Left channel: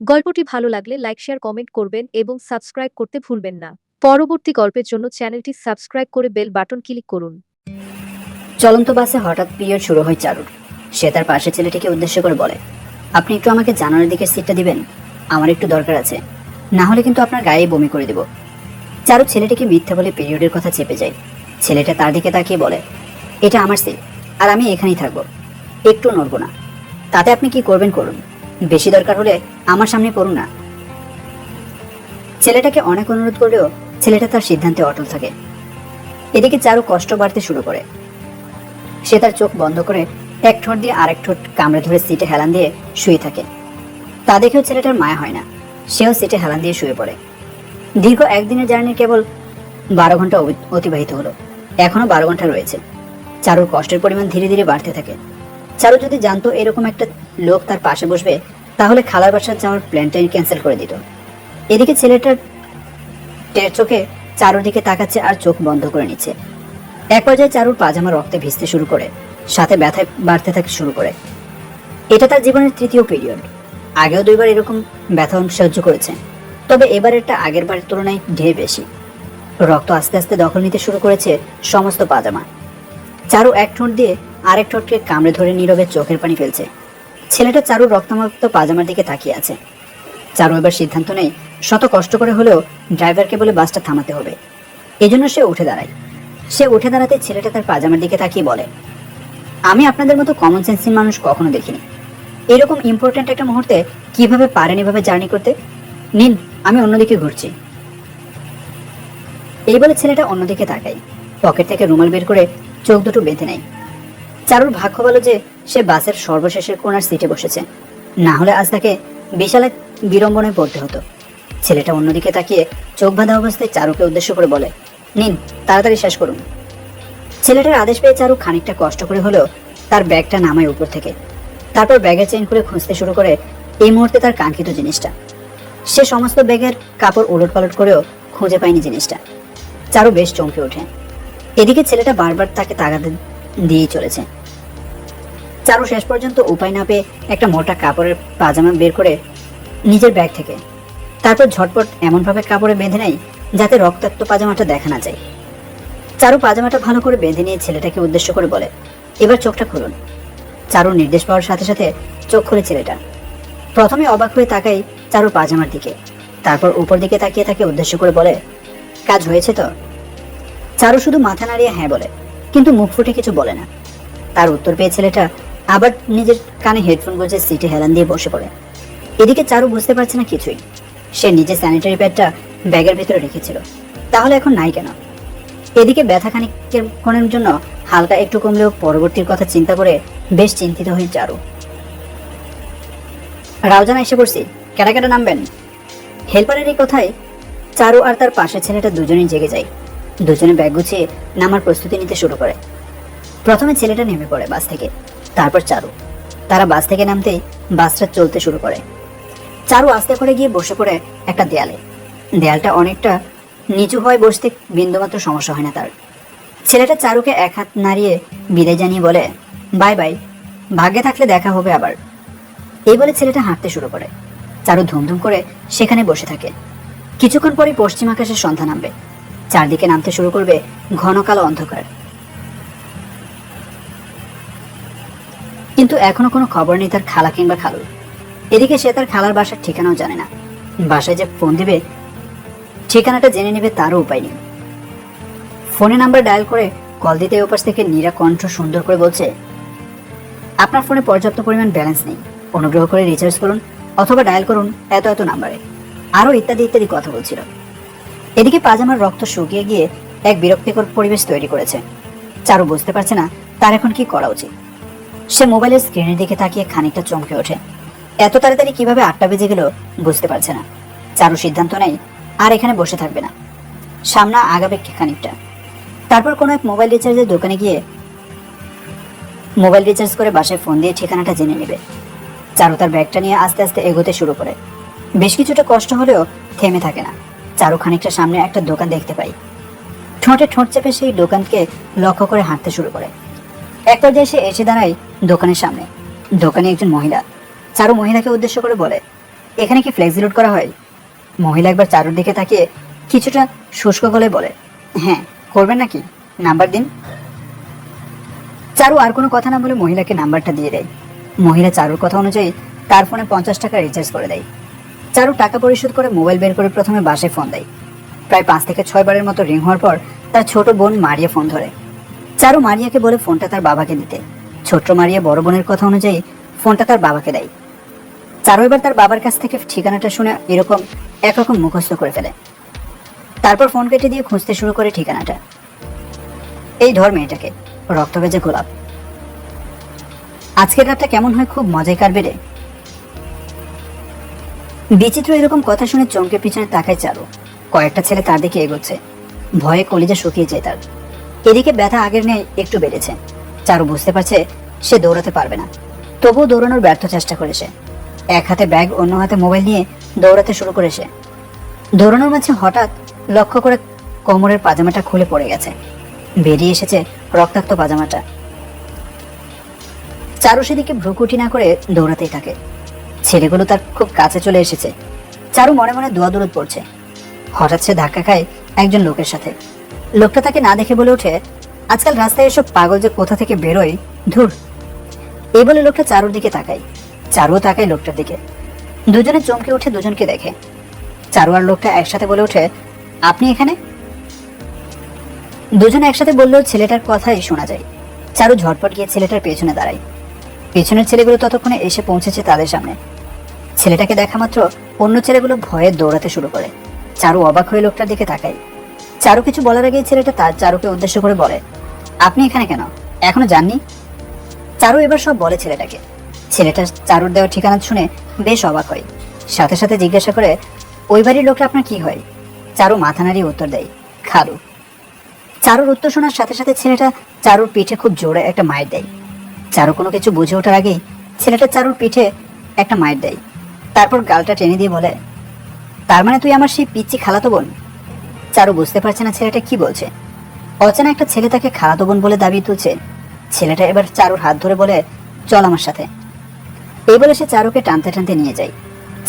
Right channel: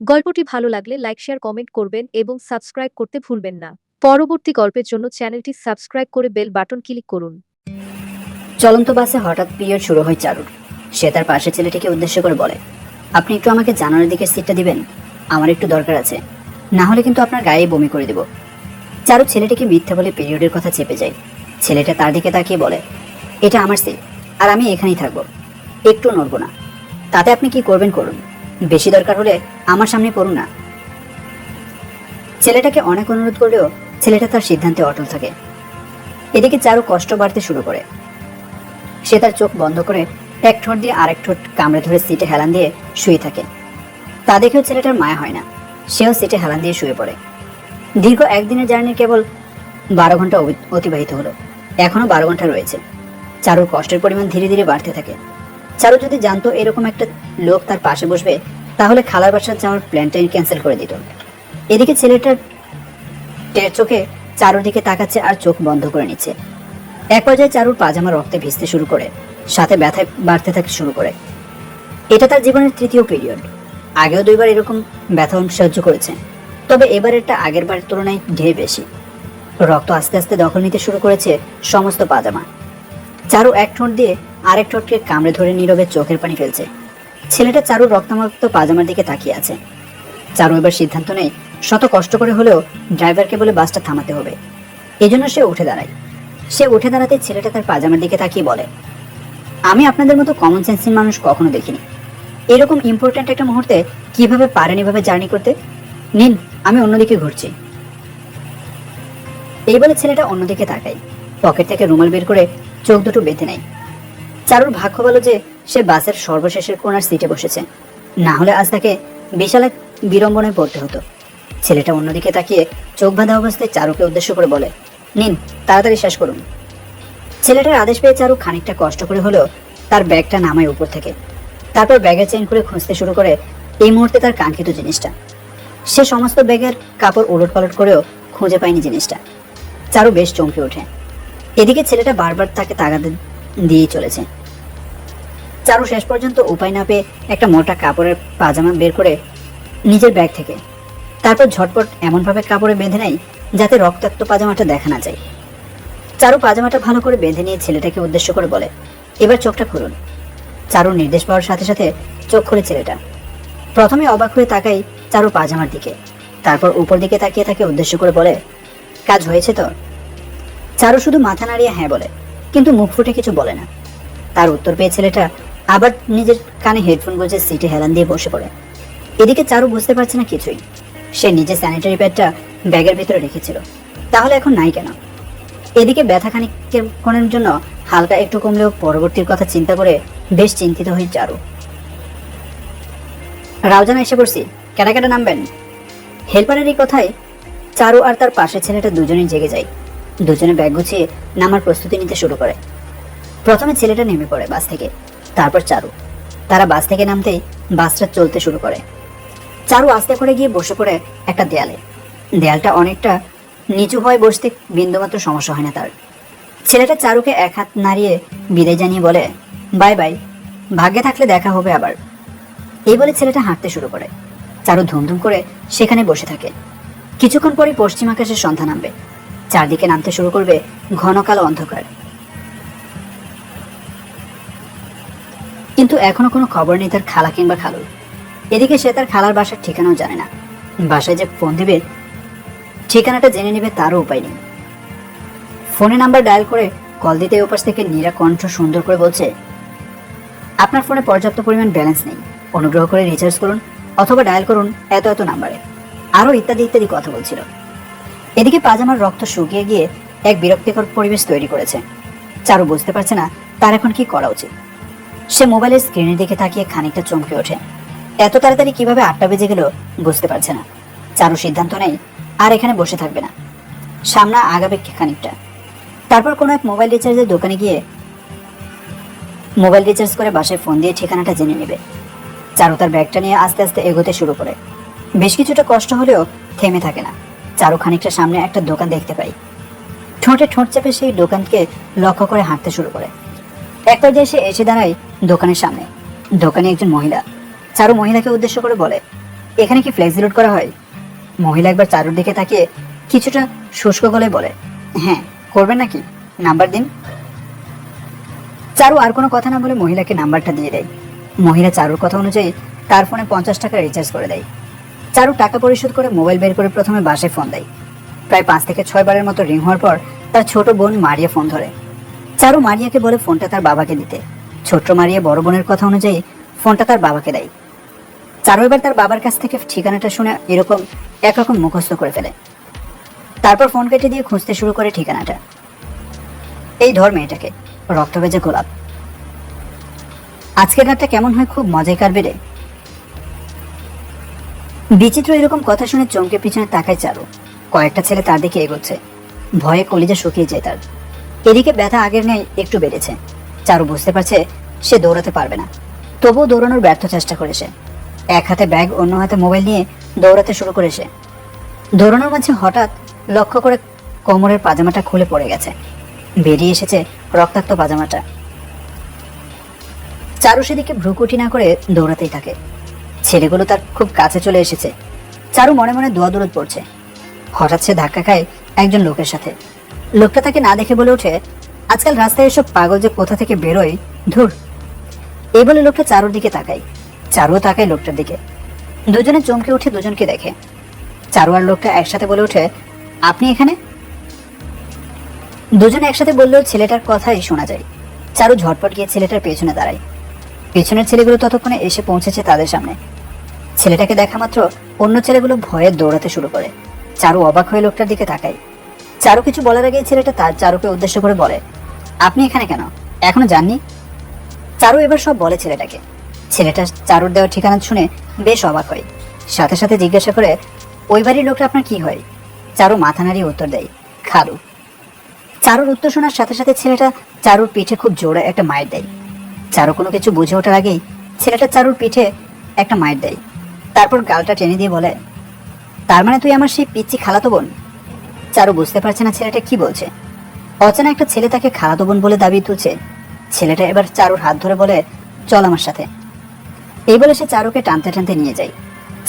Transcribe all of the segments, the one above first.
গল্পটি ভালো লাগলে লাইক শেয়ার কমেন্ট করবেন এবং সাবস্ক্রাইব করতে ভুলবেন না। পরবর্তী গল্পের জন্য চ্যানেলটি সাবস্ক্রাইব করে বেল বাটন ক্লিক করুন। চলন্ত বাসে হঠাৎ পিরিয়ড শুরু হয় চারুর। সে তার পাশের ছেলেটিকে উদ্দেশ্য করে বলে, আপনি একটু আমাকে জানালার দিকের সিটটা দিবেন, আমার একটু দরকার আছে, না হলে কিন্তু আপনার গায়ে বমি করে দেব। চারু ছেলেটিকে মিথ্যা বলে পিরিয়ডের কথা চেপে যায়। ছেলেটা তার দিকে তাকিয়ে বলে, এটা আমার সিট, আর আমি এখানেই থাকবো, একটু নড়বো না। তাতে আপনি কি করবেন করুন, বেশি দরকার হলে আমার সামনে পড়ুন না। ছেলেটাকে অনেক অনুরোধ করলেও ছেলেটা তার সিদ্ধান্তে অটল থাকে। এদিকে চারু কষ্ট বাড়তে শুরু করে। সে তার চোখ বন্ধ করে এক ঠোঁট দিয়ে আরেক ঠোঁট কামড়ে ধরে সিটে হেলান দিয়ে শুয়ে থাকে। তা দেখেও ছেলেটার মায়া হয় না, সেও সিটে হেলান দিয়ে শুয়ে পড়ে। দীর্ঘ একদিনের জার্নির কেবল 12 ঘন্টা অতিবাহিত হলো, এখনো 12 ঘন্টা রয়েছে। চারুর কষ্টের পরিমাণ ধীরে ধীরে বাড়তে থাকে। চারু যদি জানতো এরকম একটা লোক তার পাশে বসবে, তাহলে খালার বাসায় যাওয়ার প্ল্যানটাই ক্যান্সেল করে দিত। এদিকে ছেলেটার টের চোখে চারুর দিকে তাকাচ্ছে আর চোখ বন্ধ করে নিচ্ছে। এক পর্যায়ে চারুর পাজামা রক্তে ভিজতে শুরু করে, সাথে ব্যথায় বাড়তে থাকে শুরু করে। এটা তার জীবনের তৃতীয় পিরিয়ড। আগেও 2বার এরকম ব্যথা সহ্য করেছে, তবে এবারেরটা আগের বারের তুলনায় ঢের বেশি। রক্ত আস্তে আস্তে দখল নিতে শুরু করেছে সমস্ত পাজামা। চারু এক ঠোঁট দিয়ে আরেক ঠোঁটকে কামড়ে ধরে নীরবে চোখের পানি ফেলছে। ছেলেটা চারুর রক্তাক্ত পাজামার দিকে তাকিয়ে আছে। চারু এবার সিদ্ধান্ত নেই, শত কষ্ট করে হলেও ড্রাইভারকে বলে বাসটা থামাতে হবে। এজন্য সে উঠে দাঁড়ায়। সে উঠে দাঁড়াতে ছেলেটা তার পাজামার দিকে তাকিয়ে বলে, আমি আপনাদের মতো কমন সেন্সিং মানুষ কখনো দেখিনি। এরকম ইম্পর্ট্যান্ট একটা মুহূর্তে কিভাবে পারেন এভাবে জার্নি করতে? নিন, আমি অন্যদিকে ঘুরছি। এই বলে ছেলেটা অন্যদিকে তাকায়, পকেট থেকে রুমাল বের করে চোখ দুটো বেঁধে নেয়। চারুর ভাগ্য ভালো যে সে বাসের সর্বশেষের কোনার সিটে বসেছে, না হলে আজ তাকে বিশাল এক বিড়ম্বনায় পড়তে হতো। ছেলেটা অন্যদিকে তাকিয়ে চোখ বাঁধা অবস্থায় চারুকে উদ্দেশ্য করে বলে, নিন, তাড়াতাড়ি শেষ করুন। ছেলেটার আদেশ পেয়ে চারু খানিকটা কষ্ট করে হলেও তার ব্যাগটা নামায় উপর থেকে। তারপর ব্যাগের চেইন খুলে খুঁজতে শুরু করে এই মুহূর্তে তার কাঙ্ক্ষিত জিনিসটা। সে সমস্ত ব্যাগের কাপড় উলট পালট করেও খুঁজে পায়নি জিনিসটা। চারু বেশ চমকে ওঠে। এদিকে ছেলেটা বারবার তাকে তাগাদ দিয়েই চলেছে। চারু শেষ পর্যন্ত উপায় না পেয়ে একটা মোটা কাপড়ের পাজামা বের করে নিজের ব্যাগ থেকে, তারপর ঝটপট এমনভাবে কাপড়ে বেঁধে নেয় যাতে রক্তাক্ত পাজামাটা দেখা না যায়। চারু পাজামাটা ভালো করে বেঁধে নিয়ে ছেলেটাকে উদ্দেশ্য করে বলে, এবার চোখটা খুলুন। চারুর নির্দেশ পাওয়ার সাথে সাথে চোখ খুলে ছেলেটা। প্রথমে অবাক হয়ে তাকাই চারু পাজামার দিকে, তারপর উপর দিকে তাকিয়ে তাকে উদ্দেশ্য করে বলে, কাজ হয়েছে তো? চারু শুধু মাথা নাড়িয়ে হ্যাঁ বলে, কিন্তু মুখ ফুটে কিছু বলে না। তার উত্তর পেয়ে ছেলেটা আবার নিজের কানে হেডফোন গুঁজে সিটে হেলান দিয়ে বসে পড়ে। এদিকে চারু বুঝতে পারছে না কিছুই। সে নিজের স্যানিটারি প্যাডটা ব্যাগের ভেতরে রেখেছিল, তাহলে এখন নাই কেন? এদিকে ব্যথা খানিকের জন্য হালকা একটু কমলেও পরবর্তীর কথা চিন্তা করে বেশ চিন্তিত হয়ে চারু। রাউজান এসে পড়ছি, কেটা কেটা নামবেন? হেল্পারের এই কথায় চারু আর তার পাশের ছেলেটা দুজনেই জেগে যায়। দুজনে ব্যাগ গুছিয়ে নামার প্রস্তুতি নিতে শুরু করে। প্রথমে ছেলেটা নেমে পড়ে বাস থেকে, তারপর চারু। তারা বাস থেকে নামতেই বাসটা চলতে শুরু করে। চারু আস্তে করে গিয়ে বসে পড়ে একটা দেয়ালে। দেয়ালটা অনেকটা নিচু হয়ে বসতে বিন্দুমাত্র সমস্যা হয় না তার। ছেলেটা চারুকে এক হাত নাড়িয়ে বিদায় জানিয়ে বলে, বাই বাই, ভাগ্যে থাকলে দেখা হবে আবার। এই বলে ছেলেটা হাঁটতে শুরু করে। চারু ধুমধুম করে সেখানে বসে থাকে। কিছুক্ষণ পরে পশ্চিম আকাশের সন্ধ্যা নামবে, চারদিকে নামতে শুরু করবে ঘন কালো অন্ধকার। কিন্তু এখনো কোনো খবর নেই তার খালা কিংবা খালুর। এদিকে সে তার খালার বাসার ঠিকানাও জানে না। বাসায় যে ফোন দিবে, ঠিকানাটা জেনে নেবে তারও উপায় নেই। ফোনে নাম্বার ডায়াল করে কল দিতে ওপাশ থেকে নীরা কণ্ঠ সুন্দর করে বলছে, আপনার ফোনে পর্যাপ্ত পরিমাণ ব্যালেন্স নেই, অনুগ্রহ করে রিচার্জ করুন অথবা ডায়াল করুন এত এত নাম্বারে, আরো ইত্যাদি ইত্যাদি কথা বলছিল। এদিকে পাজামার রক্ত শুকিয়ে গিয়ে এক বিরক্তিকর পরিবেশ তৈরি করেছে। চারু বুঝতে পারছে না তার এখন কি করা উচিত। সে মোবাইলের স্ক্রিনের দিকে তাকিয়ে খানিকটা চমকে ওঠে। এত তাড়াতাড়ি কিভাবে 8টা বেজে গেল বুঝতে পারছে না। চারু সিদ্ধান্ত নেয় আর এখানে বসে থাকবে না, সামনে আগাবে খানিকটা। তারপর কোনো এক মোবাইল রিচার্জের দোকানে গিয়ে মোবাইল রিচার্জ করে বাসায় ফোন দিয়ে ঠিকানাটা জেনে নেবে। চারু তার ব্যাগটা নিয়ে আস্তে আস্তে এগোতে শুরু করে। বেশ কিছুটা কষ্ট হলেও থেমে থাকে না। চারু খানিকটা সামনে একটা দোকান দেখতে পাই। ঠোঁটে ঠোঁট চেপে সেই দোকানকে লক্ষ্য করে হাঁটতে শুরু করে। এক পর্যায়ে সে এসে দাঁড়ায় দোকানের সামনে। দোকানে একজন মহিলা। চারু মহিলাকে উদ্দেশ্য করে বলে, এখানে কি ফ্লেক্সি লোড করা হয়? মহিলা একবার চারুর দিকে তাকিয়ে কিছুটা শুষ্ক গলায় বলে, হ্যাঁ করবেন নাকি, নাম্বার দিন। চারু আর কোনো কথা না বলে মহিলাকে নাম্বারটা দিয়ে দেয়। মহিলা চারুর কথা অনুযায়ী তার ফোনে 50 টাকা রিচার্জ করে দেয়। চারু টাকা পরিশোধ করে মোবাইল বের করে প্রথমে বাসায় ফোন দেয়। প্রায় 5 থেকে 6 বারের মতো রিং হওয়ার পর তার ছোট বোন মারিয়া ফোন ধরে। চারু মারিয়াকে বলে ফোনটা তার বাবাকে দিতে। ছোট্ট মারিয়া বড় বোনের কথা অনুযায়ী ফোনটা তার বাবাকে দেয়। চারু এবার তার বাবার কাছ থেকে ঠিকানাটা শুনে এরকম একরকম মুখস্থ করে ফেলে। তারপর ফোন কেটে দিয়ে খুঁজতে শুরু করে ঠিকানাটা। এই ধর মেয়েটাকে, রক্তভেজা গোলাপ। আজকের রাতটা কেমন হয় খুব মজায় কাটবে রে। বিচিত্র এরকম কথা শুনে চমকে পিছনে তাকায় চারু। কয়েকটা ছেলে তার দিকে এগোচ্ছে। ভয়ে কলিজা শুকিয়ে যায় তার। এদিকে ব্যথা আগের নেই একটু বেড়েছে। চারু বুঝতে পারছে সে দৌড়াতে পারবে না, তবুও দৌড়ানোর ব্যর্থ চেষ্টা করেছে। এক হাতে ব্যাগ, অন্য হাতে মোবাইল নিয়ে দৌড়াতে শুরু করেছে। দৌড়ানোর মাঝে হঠাৎ লক্ষ্য করে কোমরের পাজামাটা খুলে পড়ে গেছে। বেরিয়ে এসেছে রক্তাক্ত পাজামাটা। চারু সেদিকে ভ্রুকুটি না করে দৌড়াতেই থাকে। ছেলেগুলো তার খুব কাছে চলে এসেছে। চারু মনে মনে দোয়া দরুদ পড়ছে। হঠাৎ সে ধাক্কা খায় একজন লোকের সাথে। লোকটা তাকে না দেখে বলে ওঠে, আজকাল রাস্তায় এসব পাগল যে কোথা থেকে বেরোয়, ধুর। এই বলে লোকটা চারুর দিকে তাকায়। চারুও তাকায় লোকটার দিকে। দুজনে চমকে উঠে দুজনকে দেখে। চারু আর লোকটা একসাথে বলে ওঠে, আপনি এখানে? দুজনে একসাথে বললেও ছেলেটার কথাই শোনা যায়। চারু ঝটপট গিয়ে ছেলেটার পেছনে দাঁড়ায়। পেছনের ছেলেগুলো ততক্ষণে এসে পৌঁছেছে তাদের সামনে। ছেলেটাকে দেখা মাত্র অন্য ছেলেগুলো ভয়ে দৌড়াতে শুরু করে। চারু অবাক হয়ে লোকটার দিকে তাকায়। চারু কিছু বলার আগেই ছেলেটা তার চারুকে উদ্দেশ্য করে বলে, আপনি এখানে কেন, এখনো যাননি? চারু এবার সব বলে ছেলেটাকে। ছেলেটা চারুর দেওয়া ঠিকানা শুনে বেশ অবাক হয়। সাথে সাথে জিজ্ঞাসা করে, ওই বাড়ির লোকটা আপনার কি হয়? চারু মাথা নাড়িয়ে উত্তর দেয়, খালু। চারুর উত্তর শোনার সাথে সাথে ছেলেটা চারুর পিঠে খুব জোরে একটা মাইর দেয়। চারু কোনো কিছু বুঝে ওঠার আগেই ছেলেটা চারুর পিঠে একটা মাইর দেয়। তারপর গালটা টেনে দিয়ে বলে, তার মানে তুই আমার সেই পিচ্চি খালাতো বোন? চারু বুঝতে পারছে না ছেলেটা কি বলছে। অচেনা একটা ছেলে তাকে খালাতো বোন বলে দাবি তুলছে। ছেলেটা এবার চারুর হাত ধরে বলে, চল আমার সাথে। এই বলে সে চারুকে টানতে টানতে নিয়ে যায়।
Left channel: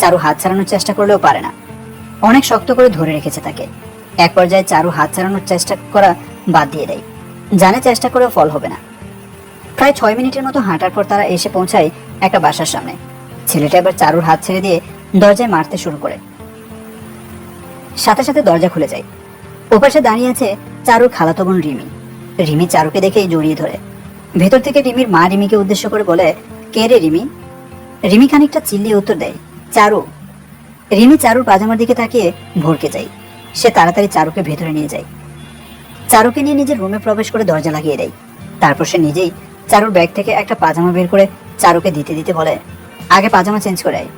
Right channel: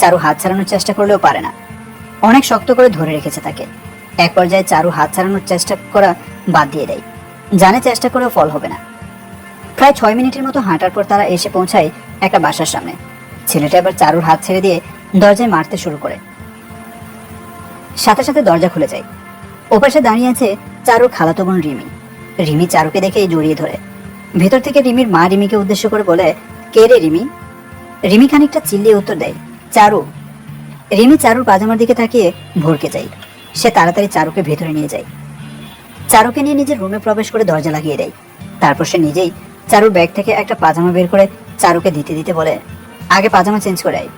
চারু হাত ছাড়ানোর চেষ্টা করলেও পারে না, অনেক শক্ত করে ধরে রেখেছে তাকে। এক পর্যায়ে চারু হাত ছাড়ানোর চেষ্টা করা বাদ দিয়ে দেয়, জানে চেষ্টা করেও ফল হবে না। প্রায় 6 মিনিটের মতো হাঁটার পর তারা এসে পৌঁছায় একটা বাসার সামনে। ছেলেটা এবার চারুর হাত ছেড়ে দিয়ে দরজায় মারতে শুরু করে। সাথে সাথে দরজা খুলে যায়। ওপাশে দাঁড়িয়ে আছে চারুর খালাতো বোন রিমি। রিমি চারুকে দেখেই জড়িয়ে ধরে। ভেতর থেকে রিমির মা রিমিকে উদ্দেশ্য করে বলে, কে রে রিমি? রিমি খানিকটা চিল্লিয়ে উত্তর দেয়, চারু। রিমি চারুর পাজামার দিকে তাকিয়ে ভরকে যায়। সে তাড়াতাড়ি চারুকে ভেতরে নিয়ে যায়। চারুকে নিয়ে নিজের রুমে প্রবেশ করে দরজা লাগিয়ে দেয়। তারপর সে নিজেই চারুর ব্যাগ থেকে একটা পাজামা বের করে চারুকে দিতে দিতে বলে, আগে পাজামা চেঞ্জ করে আয়।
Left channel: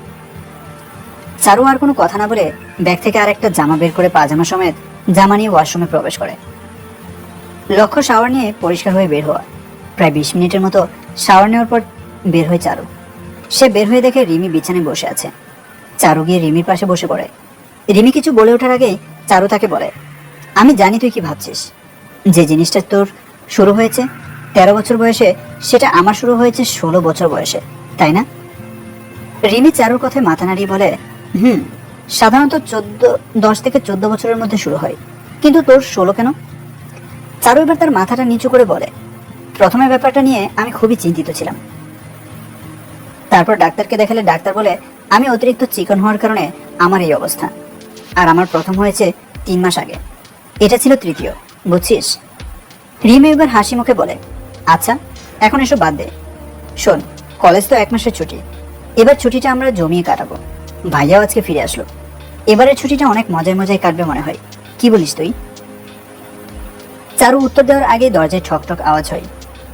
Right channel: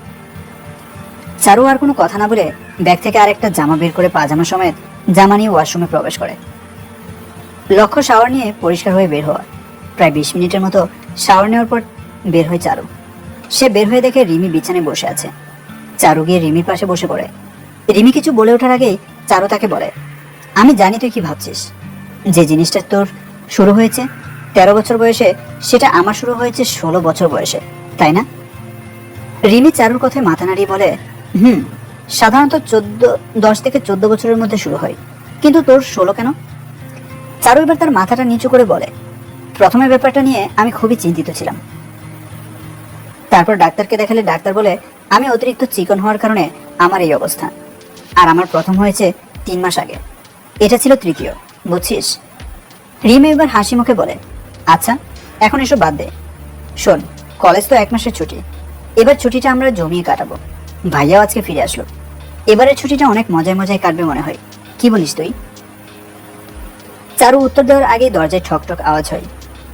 চারু আর কোনো কথা না বলে ব্যাগ থেকে আরেকটা জামা বের করে পাজামা সমেত জামা নিয়ে ওয়াশরুমে প্রবেশ করে। লক্ষ্য শাওয়ার নিয়ে পরিষ্কার হয়ে বের হওয়া। প্রায় 20 মিনিটের মতো শাওয়ার নেওয়ার পর বের হয় চারু। সে বের হয়ে দেখে রিমি বিছানায় বসে আছে। চারু গিয়ে রিমির পাশে বসে পড়ে। রিমি কিছু বলে ওঠার আগেই চারু তাকে বলে, আমি জানি তুই কি ভাবছিস। যে জিনিসটা তোর শুরু হয়েছে 13 বছর বয়সে, সেটা আমার শুরু হয়েছে 16 বছর বয়সে, তাই না? রিমি চারুর কথায় মাথা নাড়িয়ে বলে, সাধারণত 10 থেকে 14 বছরের মধ্যে শুরু হয়, কিন্তু তোর 16 কেন? চারু এবার তার মাথাটা নিচু করে বলে, প্রথমে ব্যাপারটা নিয়ে আমি খুবই চিন্তিত ছিলাম। তারপর ডাক্তারকে দেখালে ডাক্তার বলে আমি অতিরিক্ত চিকন হওয়ার কারণে আমার এই অবস্থা। আর আমার প্রথম হয়েছে 3 মাস আগে, এটা ছিল তৃতীয়, বুঝছিস? রিমি এবার হাসি মুখে বলে, আচ্ছা এখন এসব বাদ দে। শোন, কলেজ তো 1 মাসের ছুটি, এবার ছুটিটা আমরা জমিয়ে কাটাবো। ভাইয়াও আজকে ফিরে আসলো। এবারের ছুটিটা অনেক মজায় মজায় কাটবে মনে হয়, কি বলিস তুই? চারু উত্তর দেওয়ার আগে দরজায় ঠকঠক আওয়াজ হয়।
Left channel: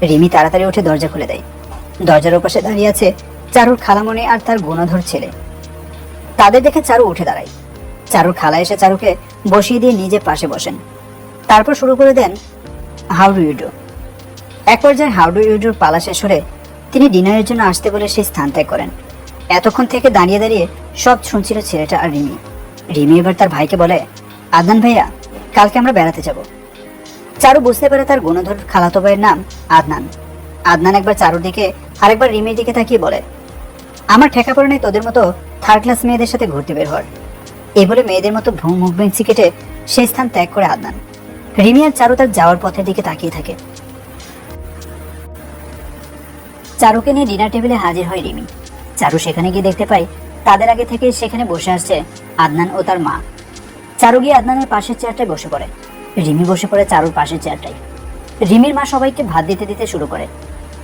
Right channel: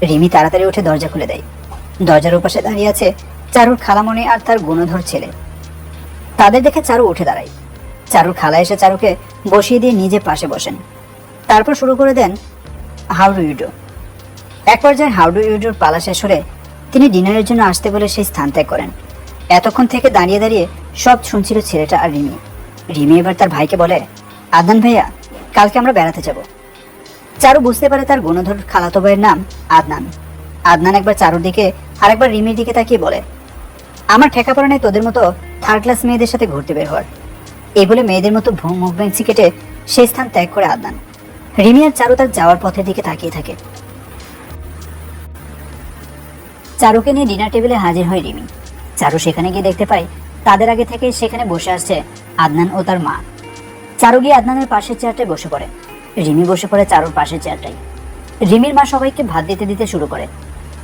রিমি তাড়াতাড়ি উঠে দরজা খুলে দেয়। দরজার ওপাশে দাঁড়িয়ে আছে চারুর খালামণি আর তার গুণধর ছেলে। তাদের দেখে চারু উঠে দাঁড়ায়। চারুর খালা এসে চারুকে বসিয়ে দিয়ে নিজে পাশে বসেন। তারপর শুরু করে দেন, হাউ ডু ইউ ডু। এক পর্যায়ে হাউ ডু ইউ ডুর পালা শেষ হলে তিনি ডিনারের জন্য আসতে বলে সেই স্থান ত্যাগ করেন। এতক্ষণ থেকে দাঁড়িয়ে দাঁড়িয়ে সব শুনছিল ছেলেটা আর রিমি। রিমি এবার তার ভাইকে বলে, আদনান ভাইয়া, কালকে আমরা বেড়াতে যাব। চারু বুঝতে পারে তার গুণধর খালাতো ভাইয়ের নাম আদনান। আদনান একবার চারুর দিকে আরেকবার রিমির দিকে তাকিয়ে বলে, আমার ঠেকা পড়ে নাই তোদের মতো থার্ড ক্লাস মেয়েদের সাথে ঘুরতে বের হওয়ার। এই বলে মেয়েদের মতো মুভমেন্টসি কেটে সেই স্থান ত্যাগ করে আদনান। রিমি আর চারু তার যাওয়ার পথের দিকে তাকিয়ে থাকে। চারুকে নিয়ে ডিনার টেবিলে হাজির হয় রিমি। চারু সেখানে গিয়ে দেখতে পায় তাদের আগে থেকেই সেখানে বসে আসছে আদনান ও তার মা। চারু গিয়ে আদনানের পাশের চেয়ারটায় বসে পড়ে। রিমি বসে পড়ে চারুর পাশের চেয়ারটায়। রিমির মা সবাইকে ভাত দিতে দিতে শুরু করে।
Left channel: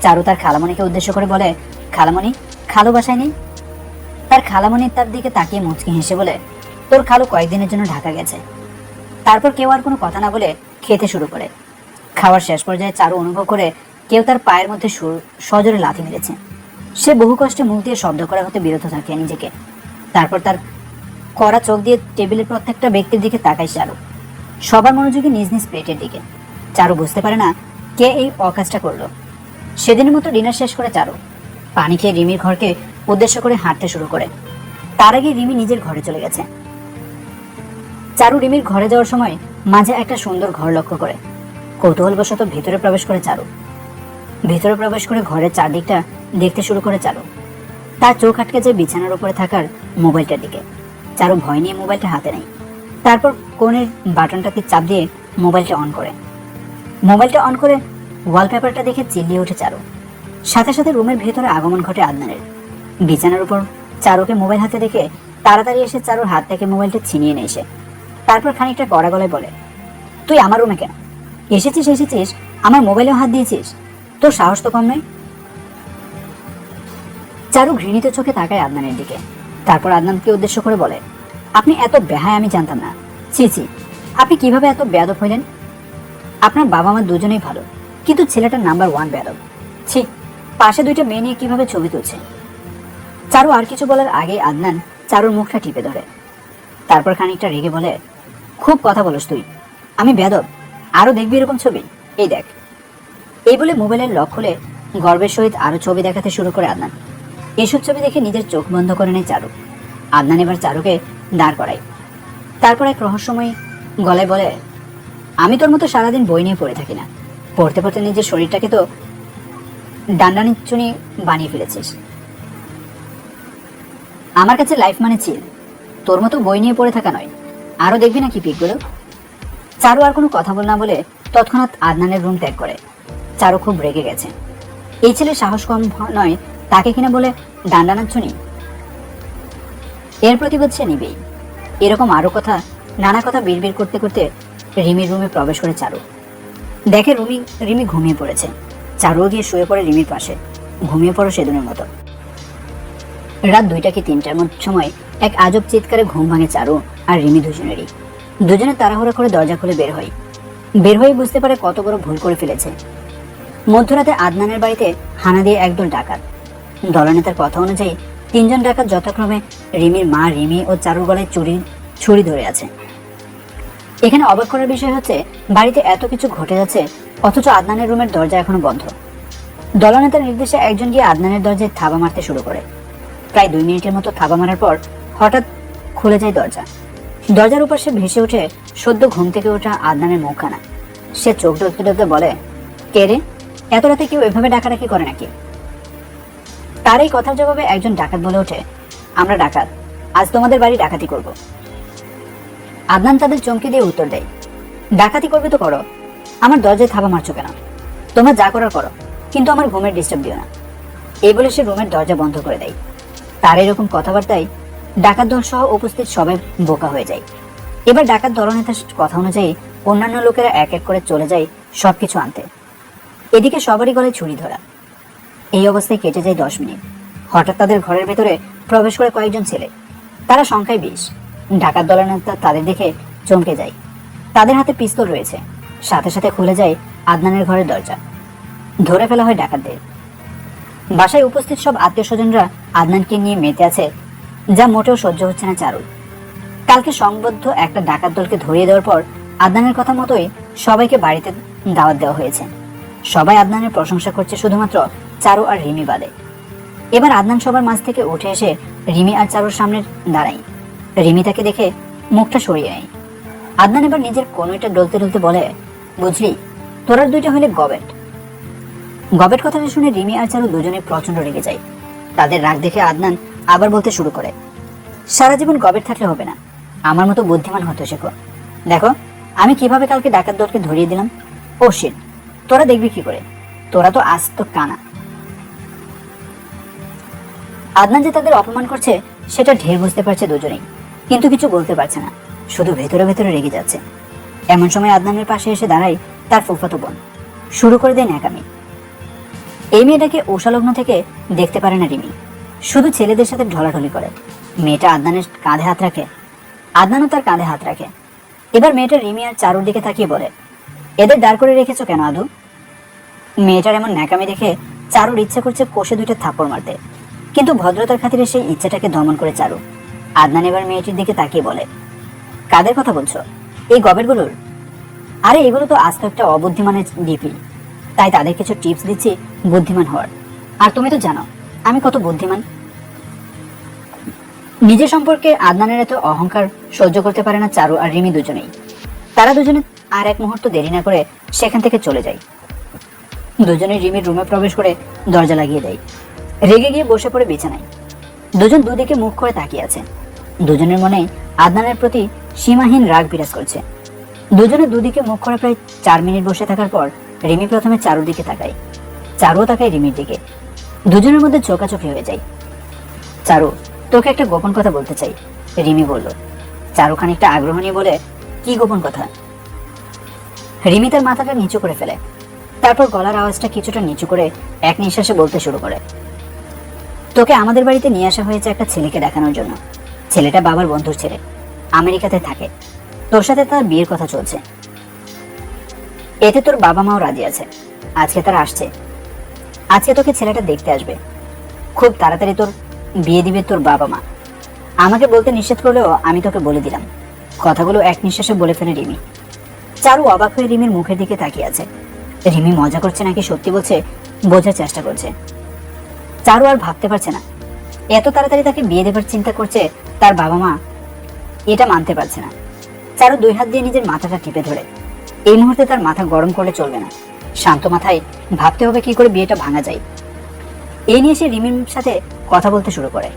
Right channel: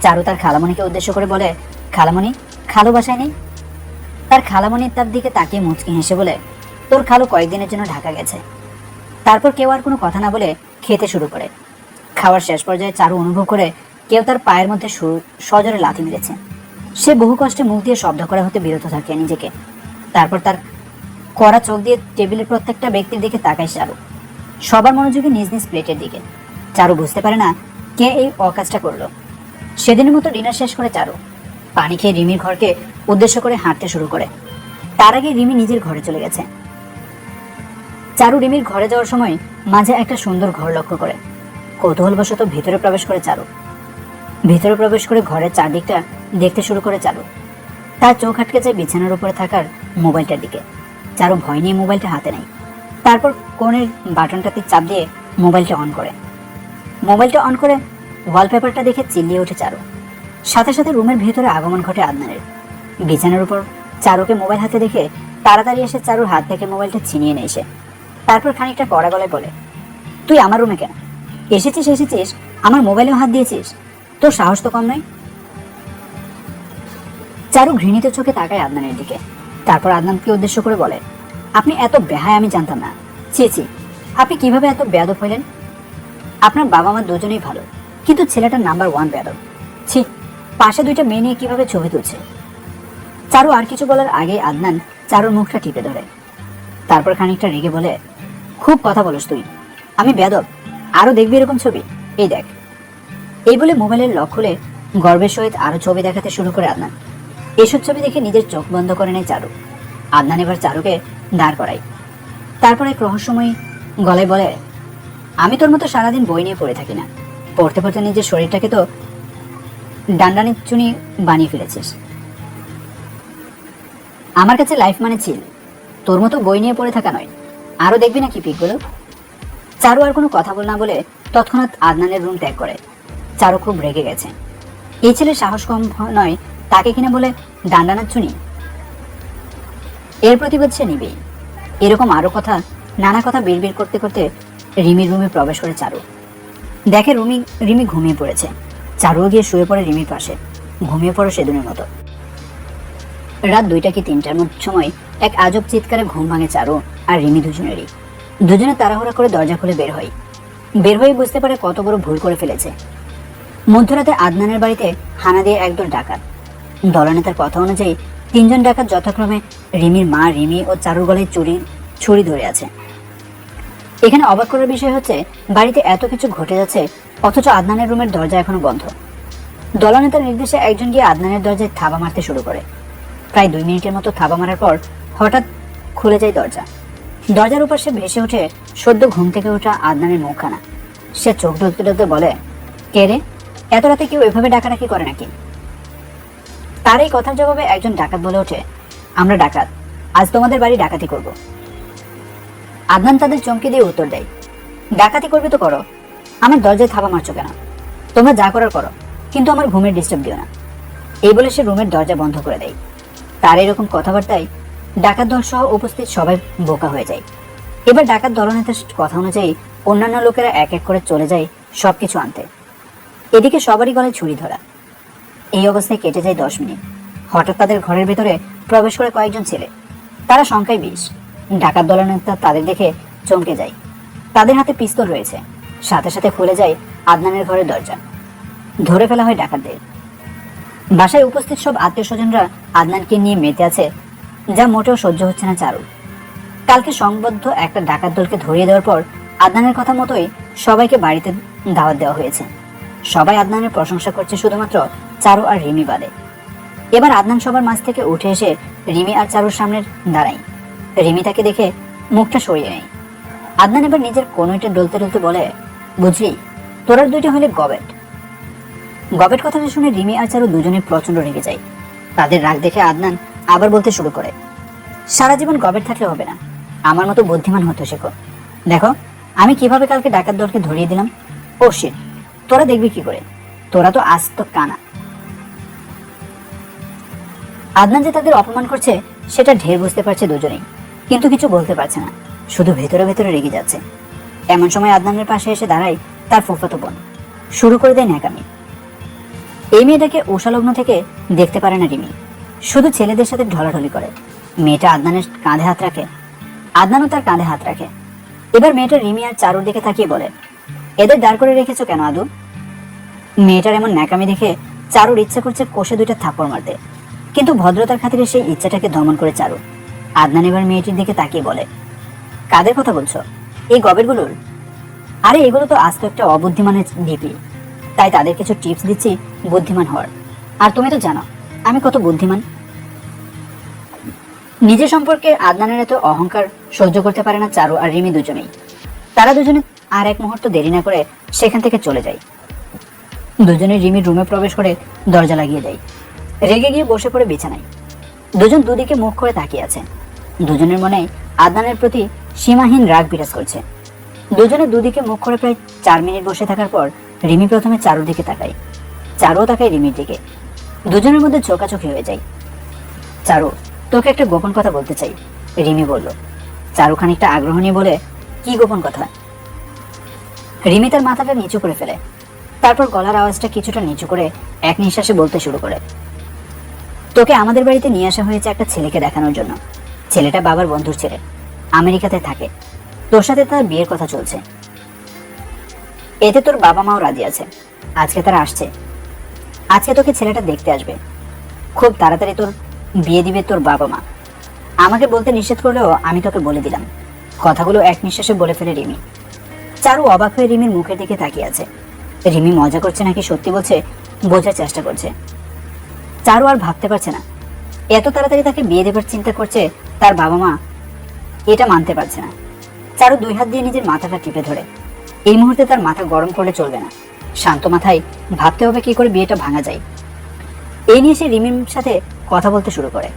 চারু তার খালামণিকে উদ্দেশ্য করে বলে, খালামণি, খালু বাসায় নেই? তার খালামণি তার দিকে তাকিয়ে মুচকি হেসে বলে, তোর খালু কয়েকদিনের জন্য ঢাকা গেছে। তারপর কেউ আর কোনো কথা না বলে খেতে শুরু করে। খাওয়ার শেষ পর্যায়ে চারু অনুভব করে কেউ তার পায়ের মধ্যে সজোরে লাথি মেরেছে। সে বহু কষ্টে মুখ দিয়ে শব্দ করা হতে বিরত থাকে নিজেকে। তারপর তার কড়া চোখ দিয়ে টেবিলের প্রত্যেকটা ব্যক্তির দিকে তাকায় চারু, সবার মনোযোগী নিজ নিজ প্লেটের দিকে। চারু বুঝতে পারে না কে এই অকাজটা করলো। সেদিনের মতো ডিনার শেষ করে চারু পানি খেয়ে রিমির ঘরকে উদ্দেশ্য করে হাঁটতে শুরু করে। তার আগে রিমি নিজের ঘরে চলে গেছে। চারু রিমির ঘরে যাওয়ার সময় মাঝে একটা সুন্দর ঘর লক্ষ্য করে। কৌতূহলবশত ভিতরে প্রবেশ করে চারু। ভিতরে প্রবেশ করে ঘরের চারদিকটা দেখতে শুরু করে চারু। তার চোখ আটকে যায় বিছানার উপরে থাকার মোবাইলটার দিকে। চারু ভয় নিয়ে মোবাইলটা হাতে নেয়। তারপর কোণের বাটনটাতে চাপ দিয়ে মোবাইলটা অন করে। মোবাইলটা অন করে ওয়ালপেপারটা দেখে চিল্লিয়ে ওঠে চারু। সাথে সাথে রুমের ভেতরে আগমন ঘটে আদনানের। বিছানার উপর চারুকে মোবাইল হাতে দেখে তাড়াতাড়ি এসে চারুর হাত থেকে মোবাইলটা ছিনিয়ে নেয় সে। তারপর খানিকটা কড়া গলায় বলে, তুই আমার রুমে কেন এসেছিস? আমার মোবাইলেও হাত দিয়েছিস? তোর সাহস তো কম নয়। চারু ঘৃণিত চোখে তাকায় আদনানের দিকে। তারপর আদনানকে উদ্দেশ্য করে বলে, আপনি এত বেহায় আমি জানতাম না। ছি ছি, আপনি কিভাবে এত বেয়াদব হইলেন? আপনার বাবা মা দুজনেই ভালো, কিন্তু ছেলেটা নাম্বার 1 বেয়াদব। ছি, পাশে দুইটা মেয়ে নিয়ে কিভাবে ছবি তুলছে। চারু আর কিছু বলার আগে আদনান চারুর মুখটা টিপে ধরে। তারপর খানিকটা রেগে বলে, খুব কথা বলস তুই, আমি বেয়াদব? আরো দেখবি এরকম ছবি, এই দেখ। এই বলে মোবাইলের লক খুলে গর্বের সহিত আরো ছবি দেখাতে শুরু করে আদনান। এসব ছবি দেখে নিজের চোখ বন্ধ করে নেয় চারু। আদনান এবার চারুকে দাঁড় করায়। তারপর এক রহস্যময়ী গলায় বলে, আমি তোর মতো সারাদিন বই নিয়ে পড়ে থাকি না। পড়তে পড়তে নিজের শরীরটাকে তো ডান্ডানি চুনি বানিয়ে ফেলেছিস। আমার কাছে লাইফ মানে চিল, তোর মতো বই নিয়ে পড়ে থাকা নয়। আরো দেখবি না কি পিকগুলো। চারু আর কোনো কথা না বলে তৎক্ষণাৎ আদনানের রুম ত্যাগ করে। চারু খুব রেগে গেছে। এই ছেলের সাহস কম নয়, তাকে কিনা বলে ডান্ডানার চুনি। এর প্রতিবাদ সে নিবেই। এরকম আরো কথা, নানা কথা বের করতে করতে রিমির রুমে প্রবেশ করে চারু। দেখে রিমি ঘুমিয়ে পড়েছে। চারুও গিয়ে শুয়ে পড়ে রিমির পাশে। ঘুমিয়ে পড়ো সেদিনের মতো। রাত 2টা কি 3টার সময় এক আজব চিৎকারে ঘুম ভাঙে চারু আর রিমি দুজনেরই। দুজনে তাড়াহুড়া করে দরজা খুলে বের হয়ে বুঝতে পারে কত বড় ভুল করে ফেলেছে। মধ্যরাতে আদনানের বাড়িতে হানা দিয়ে একদল ডাকাত। দলনেতার কথা অনুযায়ী 3জন ডাকাত যথাক্রমে রিমির মা, রিমি ও চারুর গলায় ছুরি ধরে আছে। এখানে অবাক করার বিষয় হচ্ছে বাড়িতে এত কিছু ঘটে যাচ্ছে অথচ আদনানের রুমের দরজা এখনো বন্ধ। দলনেতার নির্দেশে একজন গিয়ে আদনানের দরজায় থাবা মারতে শুরু করে। প্রায় 2 মিনিটের মতো থাবা মারার পর হঠাৎ খুলে যায় দরজা। দরজার উপর সে ভেসে উঠে সদ্য ঘুম থেকে ওঠা আদনানের মুখখানা। সে চোখ ঢুকতে বলে, কে রে, এত রাতে কেউ এভাবে ডাকাডাকি করে নাকি? তার এই কথার জবাবে একজন ডাকাত বলে ওঠে, আমরা ডাকাত, আজ তোমাদের বাড়ি ডাকাতি করব। আদনান তাদের চমকে দিয়ে উত্তর দেয়, ডাকাতি করবে তো করো, আমার দরজায় থাবা মারছো কেন? তোমরা যা করার করো, কিন্তু আমার ঘুমের ডিস্টার্ব দিও না। এই বলে সে রুমের দরজা বন্ধ করে দেয়। তার এরকম কথাবার্তায় ডাকাত দল সহ উপস্থিত সবাই বোকা হয়ে যায়। এবার ডাকাত দলনেতার কথা অনুযায়ী অন্যান্য লোকেরা এক এক করে চলে যায় সবকিছু আনতে। এদিকে সবারই গলায় ছুরি ধরা। এই অবস্থায় কেটে যায় 10 মিনিট। হঠাৎ তাদের ঘরের ভেতরে প্রবেশ করে কয়েকজন ছেলে। তারা সংখ্যায় 20। ডাকাত দলনেতা তাদের দেখে চমকে যায়। তাদের হাতে পিস্তল রয়েছে। সাথে সাথে খুলে যায় আদনানের ঘরের দরজা। ধরে ফেলা হয় ডাকাতদের। বাসায় উপস্থিত সব আত্মীয় স্বজনরা আদনানকে নিয়ে মেতে আছে, যা মোটেও সহ্য হচ্ছে না চারুর। কালকে সংবদ্ধ একটা ডাকাত দলকে ধরিয়ে দেওয়ার পর আদনানের কথা মতোই সবাইকে বাড়িতে দাওয়াত দেওয়া হয়েছে। সবাই আদনানের প্রশংসা করছে, শুধুমাত্র চারু আর রিমি বাদে। এবার আদনান সবার মাঝ থেকে উঠে এসে রিমি আর চারুর সামনে দাঁড়ায়। রিমি তাকে দেখে মুখটা সরিয়ে নেয়। আদনান এবার নিজের কনুইটা ডলতে বলে, বুঝলি, তোরা দুইটা হইলে গবেট। গবেট কথাটা শুনে রিমি আর চারু দুজনে প্রচন্ড রেগে যায়। তাদের রাগ দেখে আদনান আবার বলতে শুরু করে, সারা জীবন গবেট থাকলে হবে না, আমার মতো বুদ্ধিমান হতে শেখো। দেখো আমি কিভাবে কালকে ডাকাত দলকে ধরিয়ে দিলাম। ও শিট, তোরা দেখবি কি করে, তোরা তো আজ তো কানা। আদনান যে তাদের অপমান করছে সেটা ঢের বুঝতে পারছে দুজনেই, কিন্তু কিছু বলতে পারছে না, শুধু ভেতরে ভেতরে রেগে যাচ্ছে। এমন সময় আদনানের পাশে এসে দাঁড়ায় তার ফুফাতো বোন, শুরু করে দেয় ন্যাকামি। এই মেয়েটাকে ওষালগ্ন থেকে দেখতে পারে না রিমি, শুধু ছেলেদের সাথে ঢলাঢলি করে। মেয়েটা আদনানের কাঁধে হাত রাখে, আদনানও তার কাঁধে হাত রাখে। এবার মেয়েটা রিমি আর চারুর দিকে তাকিয়ে বলে, এদের দাঁড় করে রেখেছো কেন আদু? মেয়েটার এমন ন্যাকামি দেখে চারুর ইচ্ছে করছে কষে দুইটা থাপ্পড় মারতে, কিন্তু ভদ্রতার খাতিরে সেই ইচ্ছাটাকে দমন করে চারু। আদনান এবার মেয়েটির দিকে তাকিয়ে বলে, কাদের কথা বলছো? এই গবেরগুলোর? আরে এগুলো তো আজ তো একটা অবুদ্ধিমানের ডিপি, তাই তাদের কিছু টিপস দিচ্ছি বুদ্ধিমান হওয়ার। আর তুমি তো জানো আমি কত বুদ্ধিমান। নিজের সম্পর্কে আদনানের এত অহংকার সহ্য করতে পারে না চারু আর রিমি দুজনেই। তারা দুজনে আর এক মুহূর্ত দেরি না করে সেখান থেকে চলে যায়। দুজনে রিমির রুমে প্রবেশ করে দরজা লাগিয়ে দেয়, রেগে গিয়ে বসে পড়ে বিছানায়। দুজন দুদিকে মুখ করে তাকিয়ে আছে। দুজনের মনে আদনানের প্রতি সীমাহীন রাগ বিরাজ করছে। দুজনে দুদিকে মুখ করে প্রায় 4 মিনিট বসে থাকার পর রিমি প্রথমে চারুর দিকে তাকায়, চারুও তাকায় রিমির দিকে। দুজনের মধ্যে চোখাচোখি হয়ে যায়। চারু, তোকে একটা গোপন কথা বলতে চাই, রিমি বলল। চারু খানিকটা আগ্রহ নিয়ে বলে, কি গোপন কথা? রিমি তার মাথাটা নিচু করে ফেলে, তারপর গলার আওয়াজটা কিছুটা নিচু করে এক নিঃশ্বাসে বলতে শুরু করে, তোকে আমাদের বাড়িতে নিয়ে আসা হয়েছে একটা ছেলেকে দেখানোর জন্য। ছেলেটা বাবার বন্ধুর ছেলে, আমেরিকাতে থাকে। তোর সাথে তার বিয়ের কথা চলছে। এতে তোর বাবা মাও রাজি আছে। আজকে তারা আসছে, আজকে তোকে ছেলেটা দেখতে আসবে। খুব তাড়াতাড়ি তোর বিয়ে দিবে তোর বাবা মা। আমাকে বলতে নিষেধ করলেও আমি তোকে বলে দিলাম। কথাগুলো এক নিঃশ্বাসে বলে ফেলে রিমি। চারু অবাক হয়ে রিমির মুখের দিকে তাকিয়ে আছে। রিমি মজা করছে নাকি সত্যি বলছে বোঝার চেষ্টা করছে। চারু আর ভাবতে পারছে না, এত তাড়াতাড়ি তাকে বিয়ে দেবার চিন্তা করছে তার বাবা মা, এটা মানতে পারছে না। চারু 2 হাত দিয়ে নিজের মাথাটা টিপে ধরে। এই মুহূর্তে তার মাথা গরম করলে চলবে না, শান্ত মাথায় ভাবতে হবে কি করে বিয়েটা ভাঙা যায়। এই নিয়ে সে রিমির সাথে কথা বলতে শুরু করে।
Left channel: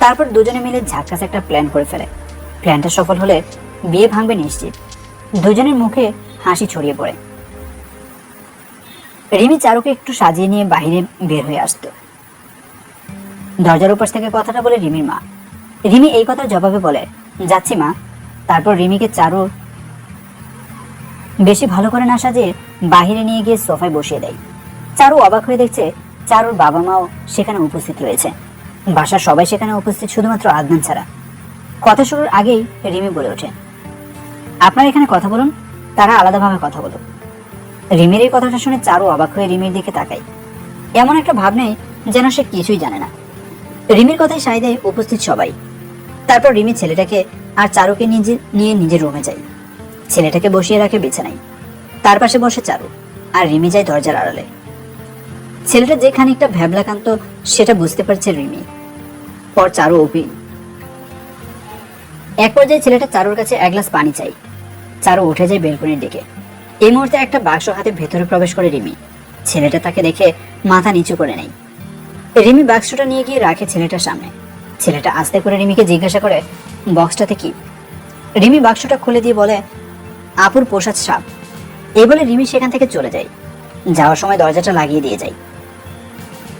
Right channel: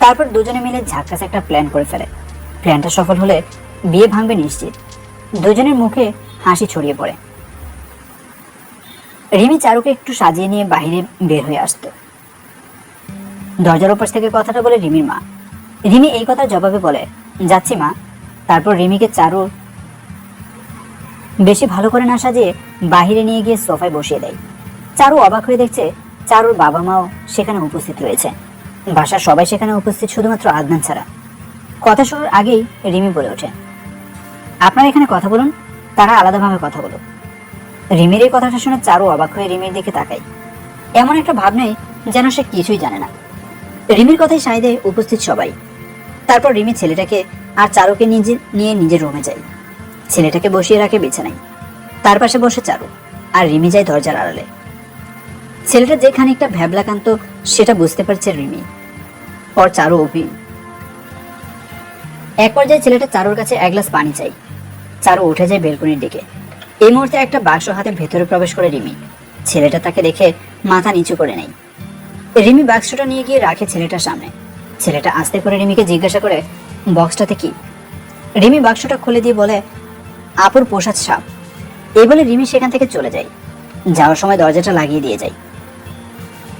তারপর দুজনে মিলে ঝাক্কাস একটা প্ল্যান করে ফেলে। প্ল্যানটা সফল হলে বিয়ে ভাঙবে নিশ্চিত। দুজনের মুখে হাসি ছড়িয়ে পড়ে। রিমি চারুকে একটু সাজিয়ে নিয়ে বাইরে বের হয়ে আসতো। দরজার ওপাশ থেকে কথাটা বলে রিমির মা। রিমি এই কথার জবাবে বলে, যাচ্ছি মা। তারপর রিমিকে চারু বেশি ভালো করে না সাজিয়ে বাহিরে নিয়ে গিয়ে সোফায় বসিয়ে দেয়। চারু অবাক হয়ে দেখছে চারুর বাবা মাও সেখানে উপস্থিত হয়েছে। বাসার সবাই সেখানে উপস্থিত, শুধুমাত্র আদনান ছাড়া। কথা শুরুর আগেই রিমি বলে ওঠে, আপনারা এখানে কথা বলুন, তারা আলাদাভাবে কথা বলুন। রিমির এই কথাটা শুনে চারু অবাক হয়ে রিমির দিকে তাকায়। এমন একটা ভাব নেই যেন সে কিছুই জানে না। রিমির কথায় সায় দেয় উপস্থিত সবাই। তারপর রিমি ছেলেটাকে আর চারুকে নিয়ে নিজের রুমে যায়। ছেলেটাকে বসিয়ে রাখে বিছানায়, তার পাশে বসে চারু, আর রিমি যায় দরজার আড়ালে। ছেলেটা যে খানিকটা ভ্যাবলাকান্ত সেটা বুঝতে পারছে রিমি। পর চারু অভিন। এক পর্যায়ে ছেলেটা চারুর কাছে 1 গ্লাস পানি চাই। চারু উঠে যায় বেলকনির দিকে। এই মুহূর্তে একটা বাক্স হাতে ভেতরে প্রবেশ করে রিমি। ছেলেটা তাকে দেখে মাথা নিচু করে নেয়। রিমি বাক্সটা নিয়ে গিয়ে রাখে ছেলেটার সামনে। ছেলেটা আস্তে করে রিমিকে জিজ্ঞাসা করে, বক্সটাতে কি? রিমি বাক্সটা খুলে দিয়ে বলে, আপুর পোষা সাপ। এই বলে রিমি সেখান থেকে চলে যায়। যাওয়ার সময় দরজাটা লাগিয়ে দিয়ে যায়।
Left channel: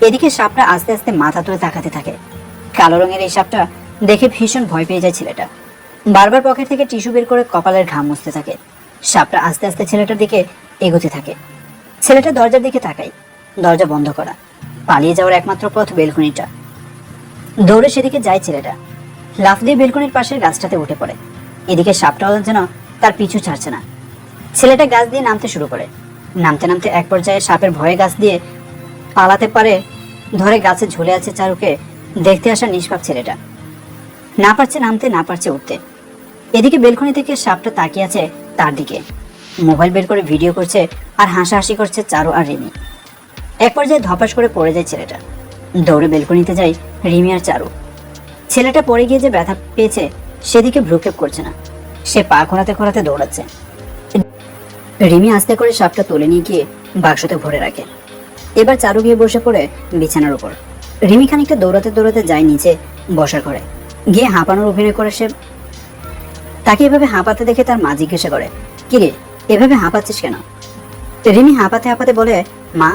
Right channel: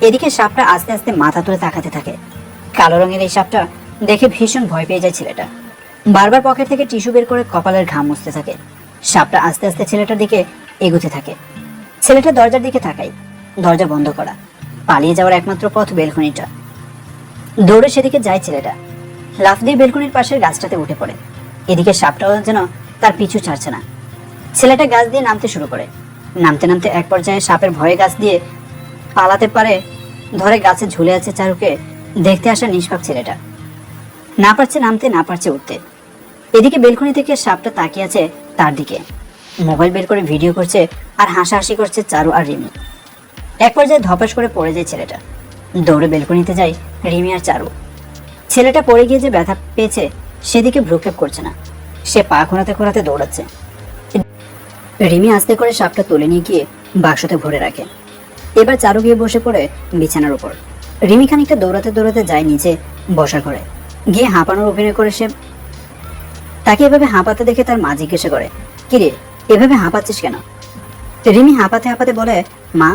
এদিকে সাপটা আস্তে আস্তে মাথা তুলে তাকাতে থাকে। কালো রঙের এই সাপটা দেখে ভীষণ ভয় পেয়ে যায় ছেলেটা। বারবার পকেট থেকে টিস্যু বের করে কপালের ঘাম মুছতে থাকে। সাপটা আস্তে আস্তে ছেলেটার দিকে এগোতে থাকে। ছেলেটা দরজার দিকে তাকায়। দরজা বন্ধ করা। পালিয়ে যাওয়ার একমাত্র পথ বেলকনিটা। দৌড়ে সেদিকে যায় ছেলেটা। লাফ দিয়ে বেলকনির পাশের গাছটাতে উঠে পড়ে। এদিকে সাপটাও যেন তার পিছু ছাড়ছে না। ছেলেটা গাছ দিয়ে নামতে শুরু করে। নামতে নামতে এক পর্যায়ে সাপের ভয়ে গাছ দিয়ে পালাতে পারে ধরে গাছে ঝুলে আছে চারুকে দেখতে আসা নিষ্পাপ ছেলেটা। না পারছে নামতে, না পারছে উঠতে। এদিকে বেলকনি থেকে সাপটা তাকিয়ে আছে তার দিকে। মোবাইল বের করে ভিডিও করছে আর হাসাহাসি করছে চারু আর রিমি। এক পর্যায়ে ধপাস করে পড়ে যায় ছেলেটা। দৌড়ে বেলকনিতে যায় রিমি আর চারু। ছেলেটা পড়ে গিয়ে যে ব্যথা পেয়েছে সেদিকে ভ্রুক্ষেপ করছে না। সে পা খোঁড়াতে খোঁড়াতে দৌড়াচ্ছে। রিমি আস্তে করে সাপটা তুলে নিয়ে গিয়ে বাক্সতে ভরে রাখে। এবার চারু গিয়ে বসে পড়ে বিছানার উপর। রিমি খানিকটা দৌড়াতে দৌড়াতে যায় নিচে বসার ঘরে। গিয়ে হাঁপানোর অভিনয় করে সে। তাকে এভাবে হাঁপাতে দেখে তার মা জিজ্ঞাসা করে, কিরে এভাবে হাঁপাচ্ছিস কেন? তো রিমি হাঁপাতে হাঁপাতে বলে, মা,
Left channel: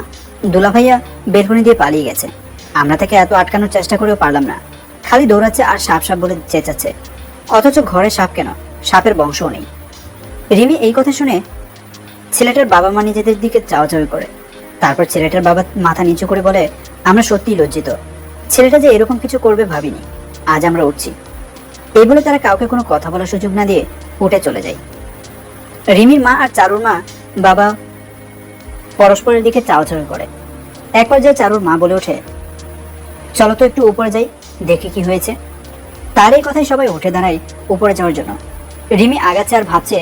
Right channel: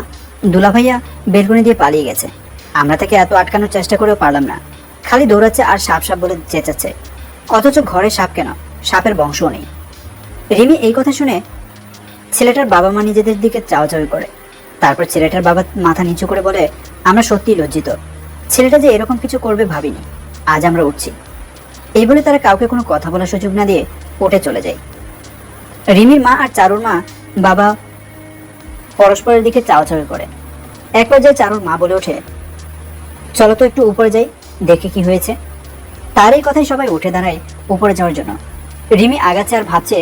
দুলা ভাইয়া বেলকনি দিয়ে পালিয়ে গেছে। আমরা তাকে এত আটকানোর চেষ্টা করেও পারলাম না। খালি দৌড়াচ্ছে আর সাপ সাপ বলে চেঁচাচ্ছে। অথচ ঘরে সাপ কেন, সাপের বংশও নেই। রিমি এই কথা শুনে ছেলেটার বাবা মা নিজেদের দিকে চাওয়াচাওয়ি করে। তারপর ছেলেটার বাবা মাথা নিচু করে বলে, আমরা সত্যিই লজ্জিত। ছেলেটা যে এরকম কিছু করবে ভাবিনি। আজ আমরা উঠছি। এই বলে তারা কাউকে কোনো কথা বলার সুযোগ না দিয়ে উঠে চলে যায়। রিমির মা আর চারুর মা বাবা পরস্পরের দিকে চাওয়াচাওয়ি করে। এক পর্যায়ে চারুর মা বলে ওঠে, চলো তো একটু উপরে যাই, দেখে কি হয়েছে। তার এই কথাই সবাই উঠে দাঁড়ায় উপরে যাওয়ার জন্য। রিমি আগাচ্ছে আর ভাবছে,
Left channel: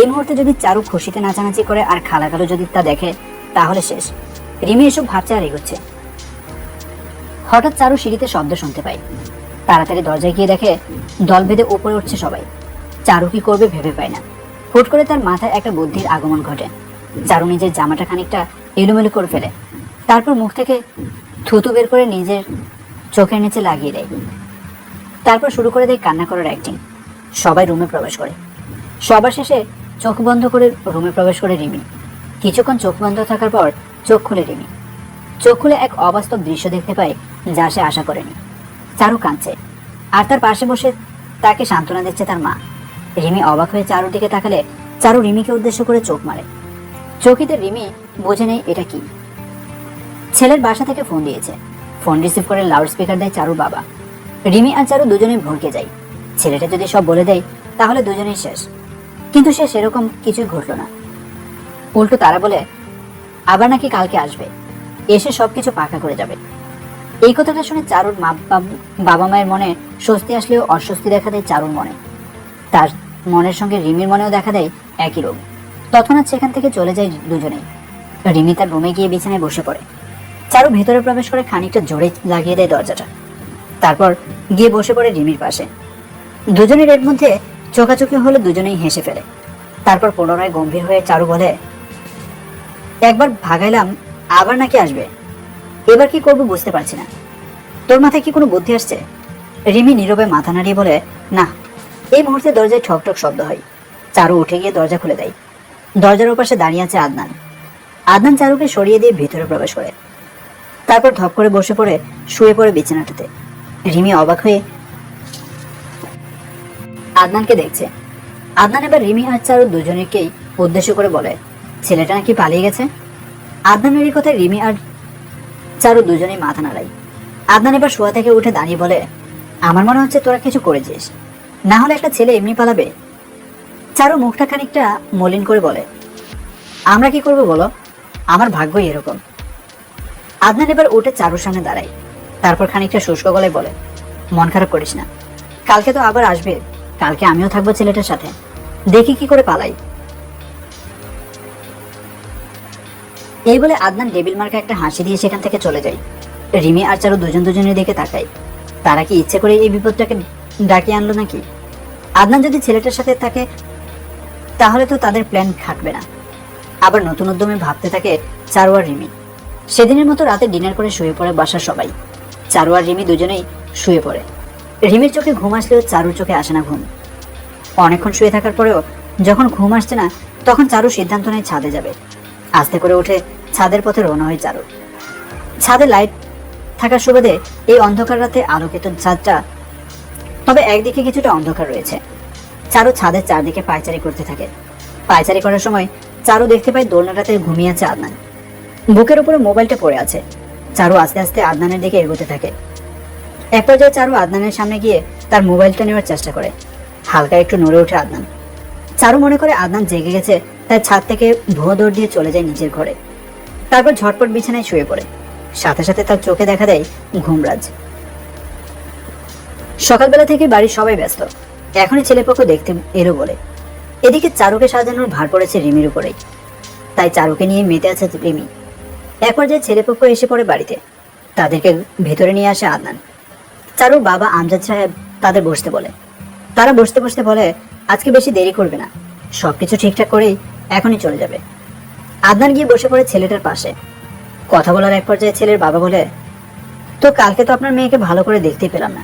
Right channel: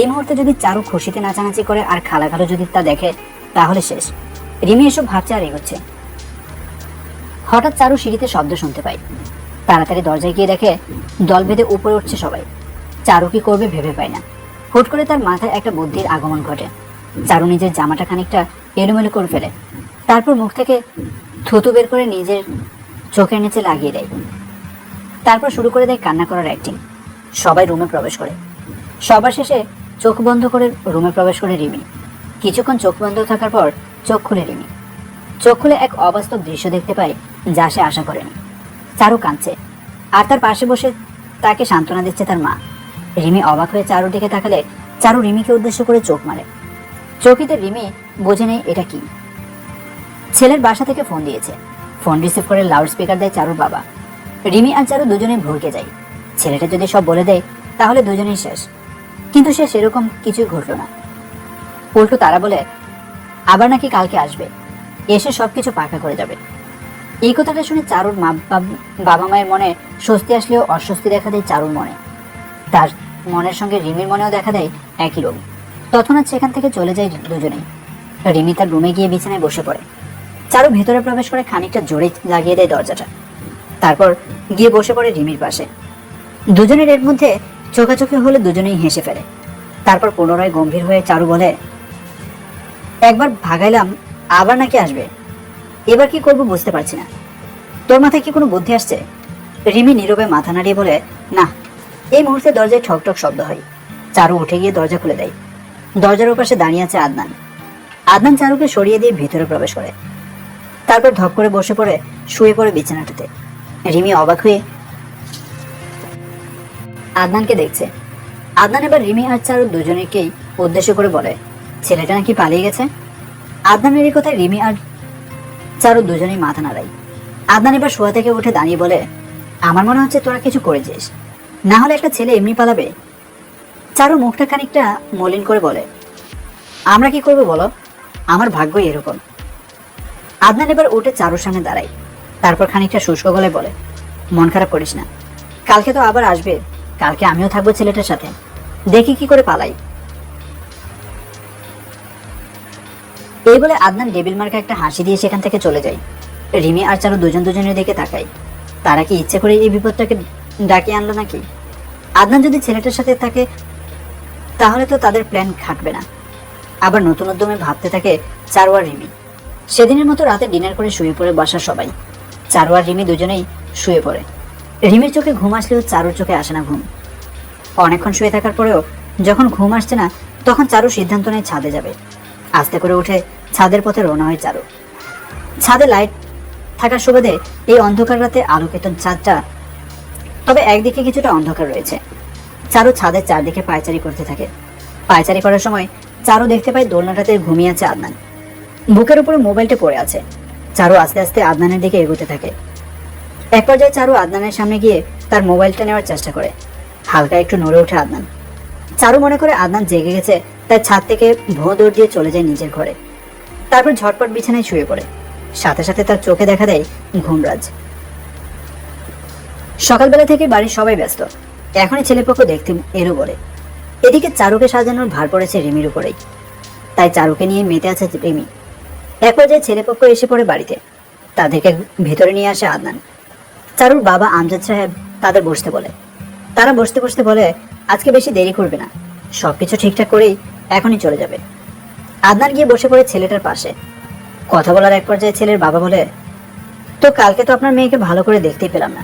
এই মুহূর্তে যদি চারু খুশিতে নাচানাচি করে আর খালাখালো যদি তা দেখে তাহলে শেষ। রিমি এসব ভাবছে আর এগোচ্ছে। হঠাৎ চারু সিঁড়িতে শব্দ শুনতে পায়। তাড়াতাড়ি দরজায় গিয়ে দেখে দল বেঁধে উপরে উঠছে সবাই। চারু কি করবে ভেবে পায় না। হুট করে তার মাথায় একটা বুদ্ধির আগমন ঘটে। চারু নিজের জামাটা খানিকটা এলোমেলো করে ফেলে। তারপর মুখ থেকে থুতু বের করে নিজের চোখের নিচে লাগিয়ে দেয়। তারপর শুরু করে দেয় কান্না করার অ্যাক্টিং। সবাই রুমে প্রবেশ করে। সবার শেষে চোখ বন্ধ করে রুমে প্রবেশ করে রিমি। কিছুক্ষণ চোখ বন্ধ থাকার পর চোখ খুলে রিমি। চোখ খুলে এক অবাস্তব দৃশ্য দেখতে পায়, যা সে আশা করেনি। চারু কাঁদছে আর তার পাশে বসে তাকে সান্ত্বনা দিচ্ছে তার মা। রিমি অবাক হয়ে চারুর দিকে তাকালে চারু রিমিকে উদ্দেশ্য করে চোখ মারে। চোখেতে রিমি বোঝে নেই এটা কি। ছেলের বাসা থেকে ফোন দিয়েছে। ফোন রিসিভ করে লাউড স্পিকার দেয় চারুর বাবা। রিমি আর চারু দুজনে ভড়কে যায়। ছেলেটা যদি সব বলে দেয় তাহলে দুজনেই শেষ। কিন্তু সে সেরকম কিছুই ঘটল না। উল্টো তারা বলে আবার নাকি কালকে আসবে, এসে সবকিছু পাকা করে যাবে। এই কথাটা শুনে চারুর বাবা মায়ের মনে স্বস্তি আসলেও অস্বস্তি দেখা দেয় চারুর মনে। তার মনের সঙ্গে রিমির মনেও দেখা দেয় একই রোগ। তৎক্ষণাৎ সেখান থেকে চলে যায় দুজনেই। রিমি তার রুমে গিয়ে বিছানায় বসে পড়ে। চারু ভেতরে প্রবেশ করে খানিকটা জোরে লাগিয়ে দেয় দরজাটা। তারপর গিয়ে বসে পড়ে রিমির পাশে। দুজনের এর মধ্যে চোখাচোখি হলে দুজনেই হেসে ফেলে। তারপর পুনরায় গম্ভীর হয়ে চারু বলে, একবার ভাগাইলাম, আবার নাকি আসবে। এবার কি করবো বুঝতে পারছি না। তোর মাথায় কি কোনো বুদ্ধি আসছে? রিমি নীরবে মাথা নাড়িয়ে বলে, না। এই মুহূর্তে দরজায় ঠক ঠক শব্দ হয়। চারু উঠে গিয়ে দরজা খুলে দেয়। দরজার ওপাশে দাঁড়িয়ে আছে আদনান। আদনান চারুকে সরিয়ে দিয়ে ভিতরে প্রবেশ করে। তারপর ধপ করে বসে পড়ে শুয়ে পড়ে বিছানাটাতে। রিমি অবাক হয়ে আদনানকে দেখছে। আদনান এবার রিমি আর চারু দুজনেকেই উদ্দেশ্য করে বলে, ছেলেটা নাকি পালিয়ে গেছে। আদনানের এই কথায় রিমি আর চারু দুজনেই মাথা নাড়ায়। আদনান এবার শোয়া থেকে উঠে দাঁড়িয়ে বলে, আমার মনে হচ্ছে তোরা কিছু করেছিস, না হলে একটা ছেলে এমনি পালাবে। চারু মুখটা খানিকটা মলিন করে বলে, আমরা কি করবো বলো, আমার ভাগ্যই এরকম। আদনান এবার উঠে চারুর সামনে দাঁড়ায়। তারপর খানিকটা শুষ্ক গলায় বলে, মন খারাপ করিস না, কালকে তো আবার আসবে। কালকে আমিও থাকবো ছেলেটার সাথে, দেখি কি করে পালাই। এই বলে আদনান ডেবিল মার্কা একটা হাসি দিয়ে সেখান থেকে চলে যায়। রিমি আর চারু দুজন দুজনের দিকে তাকায়। তারা কি ইচ্ছে করে এই বিপদটাকে ডাকিয়ে আনলো নাকি? আদনান যদি ছেলেটার সাথে থাকে তাহলে তো তাদের প্ল্যান খাটবে না। আবার নতুন উদ্যমে ভাবতে থাকে চারু আর রিমি। সেদিনের মতো রাতে ডিনার করে শুয়ে পড়ে বাসার সবাই। চারু আর রিমি দুজনেই শুয়ে পড়ে। রিমির চোখে ঘুম আসলেও চারুর চোখে আসে না ঘুম। অনেকক্ষণ শুয়ে থাকার পরেও যখন ঘুম আসছে না, তখন চারু সিদ্ধান্ত নেয় ছাদে যাবে। আস্তে করে উঠে ছাদের পথে রওনা হয় চারু। ছাদে লাইট থাকার সুবাদে এই অন্ধকার রাতে আলোকিত ছাদটা, তবে একদিকে কিছুটা অন্ধকার রয়েছে। চারু ছাদের চারদিকে পায়চারি করতে থাকে। পায়চারি করার সময় চারু দেখতে পায় দোলনাটাতে ঘুমিয়ে আছে আদনান। বুকের উপরে মোবাইলটা পড়ে আছে। চারু আস্তে আস্তে আদনানের দিকে এগোতে থাকে। এক পর্যায়ে চারু আদনানের সামনে গিয়ে তার মোবাইলটা নেওয়ার চেষ্টা করে। হালকা একটু নড়ে ওঠে আদনান। চারু মনে করে আদনান জেগে গেছে, তাই ছাদ থেকে ভুয়ো দৌড় দিয়ে চলে যায় নিজের ঘরে। তারপর ঝটপট বিছানায় শুয়ে পড়ে। সাথে সাথে তার চোখে দেখা দেয় ঘুমরাজ। সকালবেলা থেকে বাড়ির সবাই ব্যস্ত, এখনই ছেলেপক্ষ দেখতে এলো বলে। এদিকে চারুকে সাজানোর ভার পড়েছে রিমির উপরেই, তাই চারুকে নিয়ে মেতে আছে রিমি। এক পর্যায়ে ছেলেপক্ষ এসে পড়ে বাড়িতে। তাদেরকে ভেতরে নিয়ে আসে আদনান। চারুর বাবা আমজাদ সাহেব তাদের বসতে বলে। তারা বসতে বসতে বলে, আজকে বেশি দেরি করবে না, সবকিছু ঠিকঠাক করেই এখনই চলে যাবে। আদনান গিয়ে বসে পড়ে ছেলেটার পাশে। কথা বলার এক পর্যায়ে ছেলের বাবা বলে, তো কালকে তো আপনার মেয়েকে ভালো করে দেখতেই পেলাম না,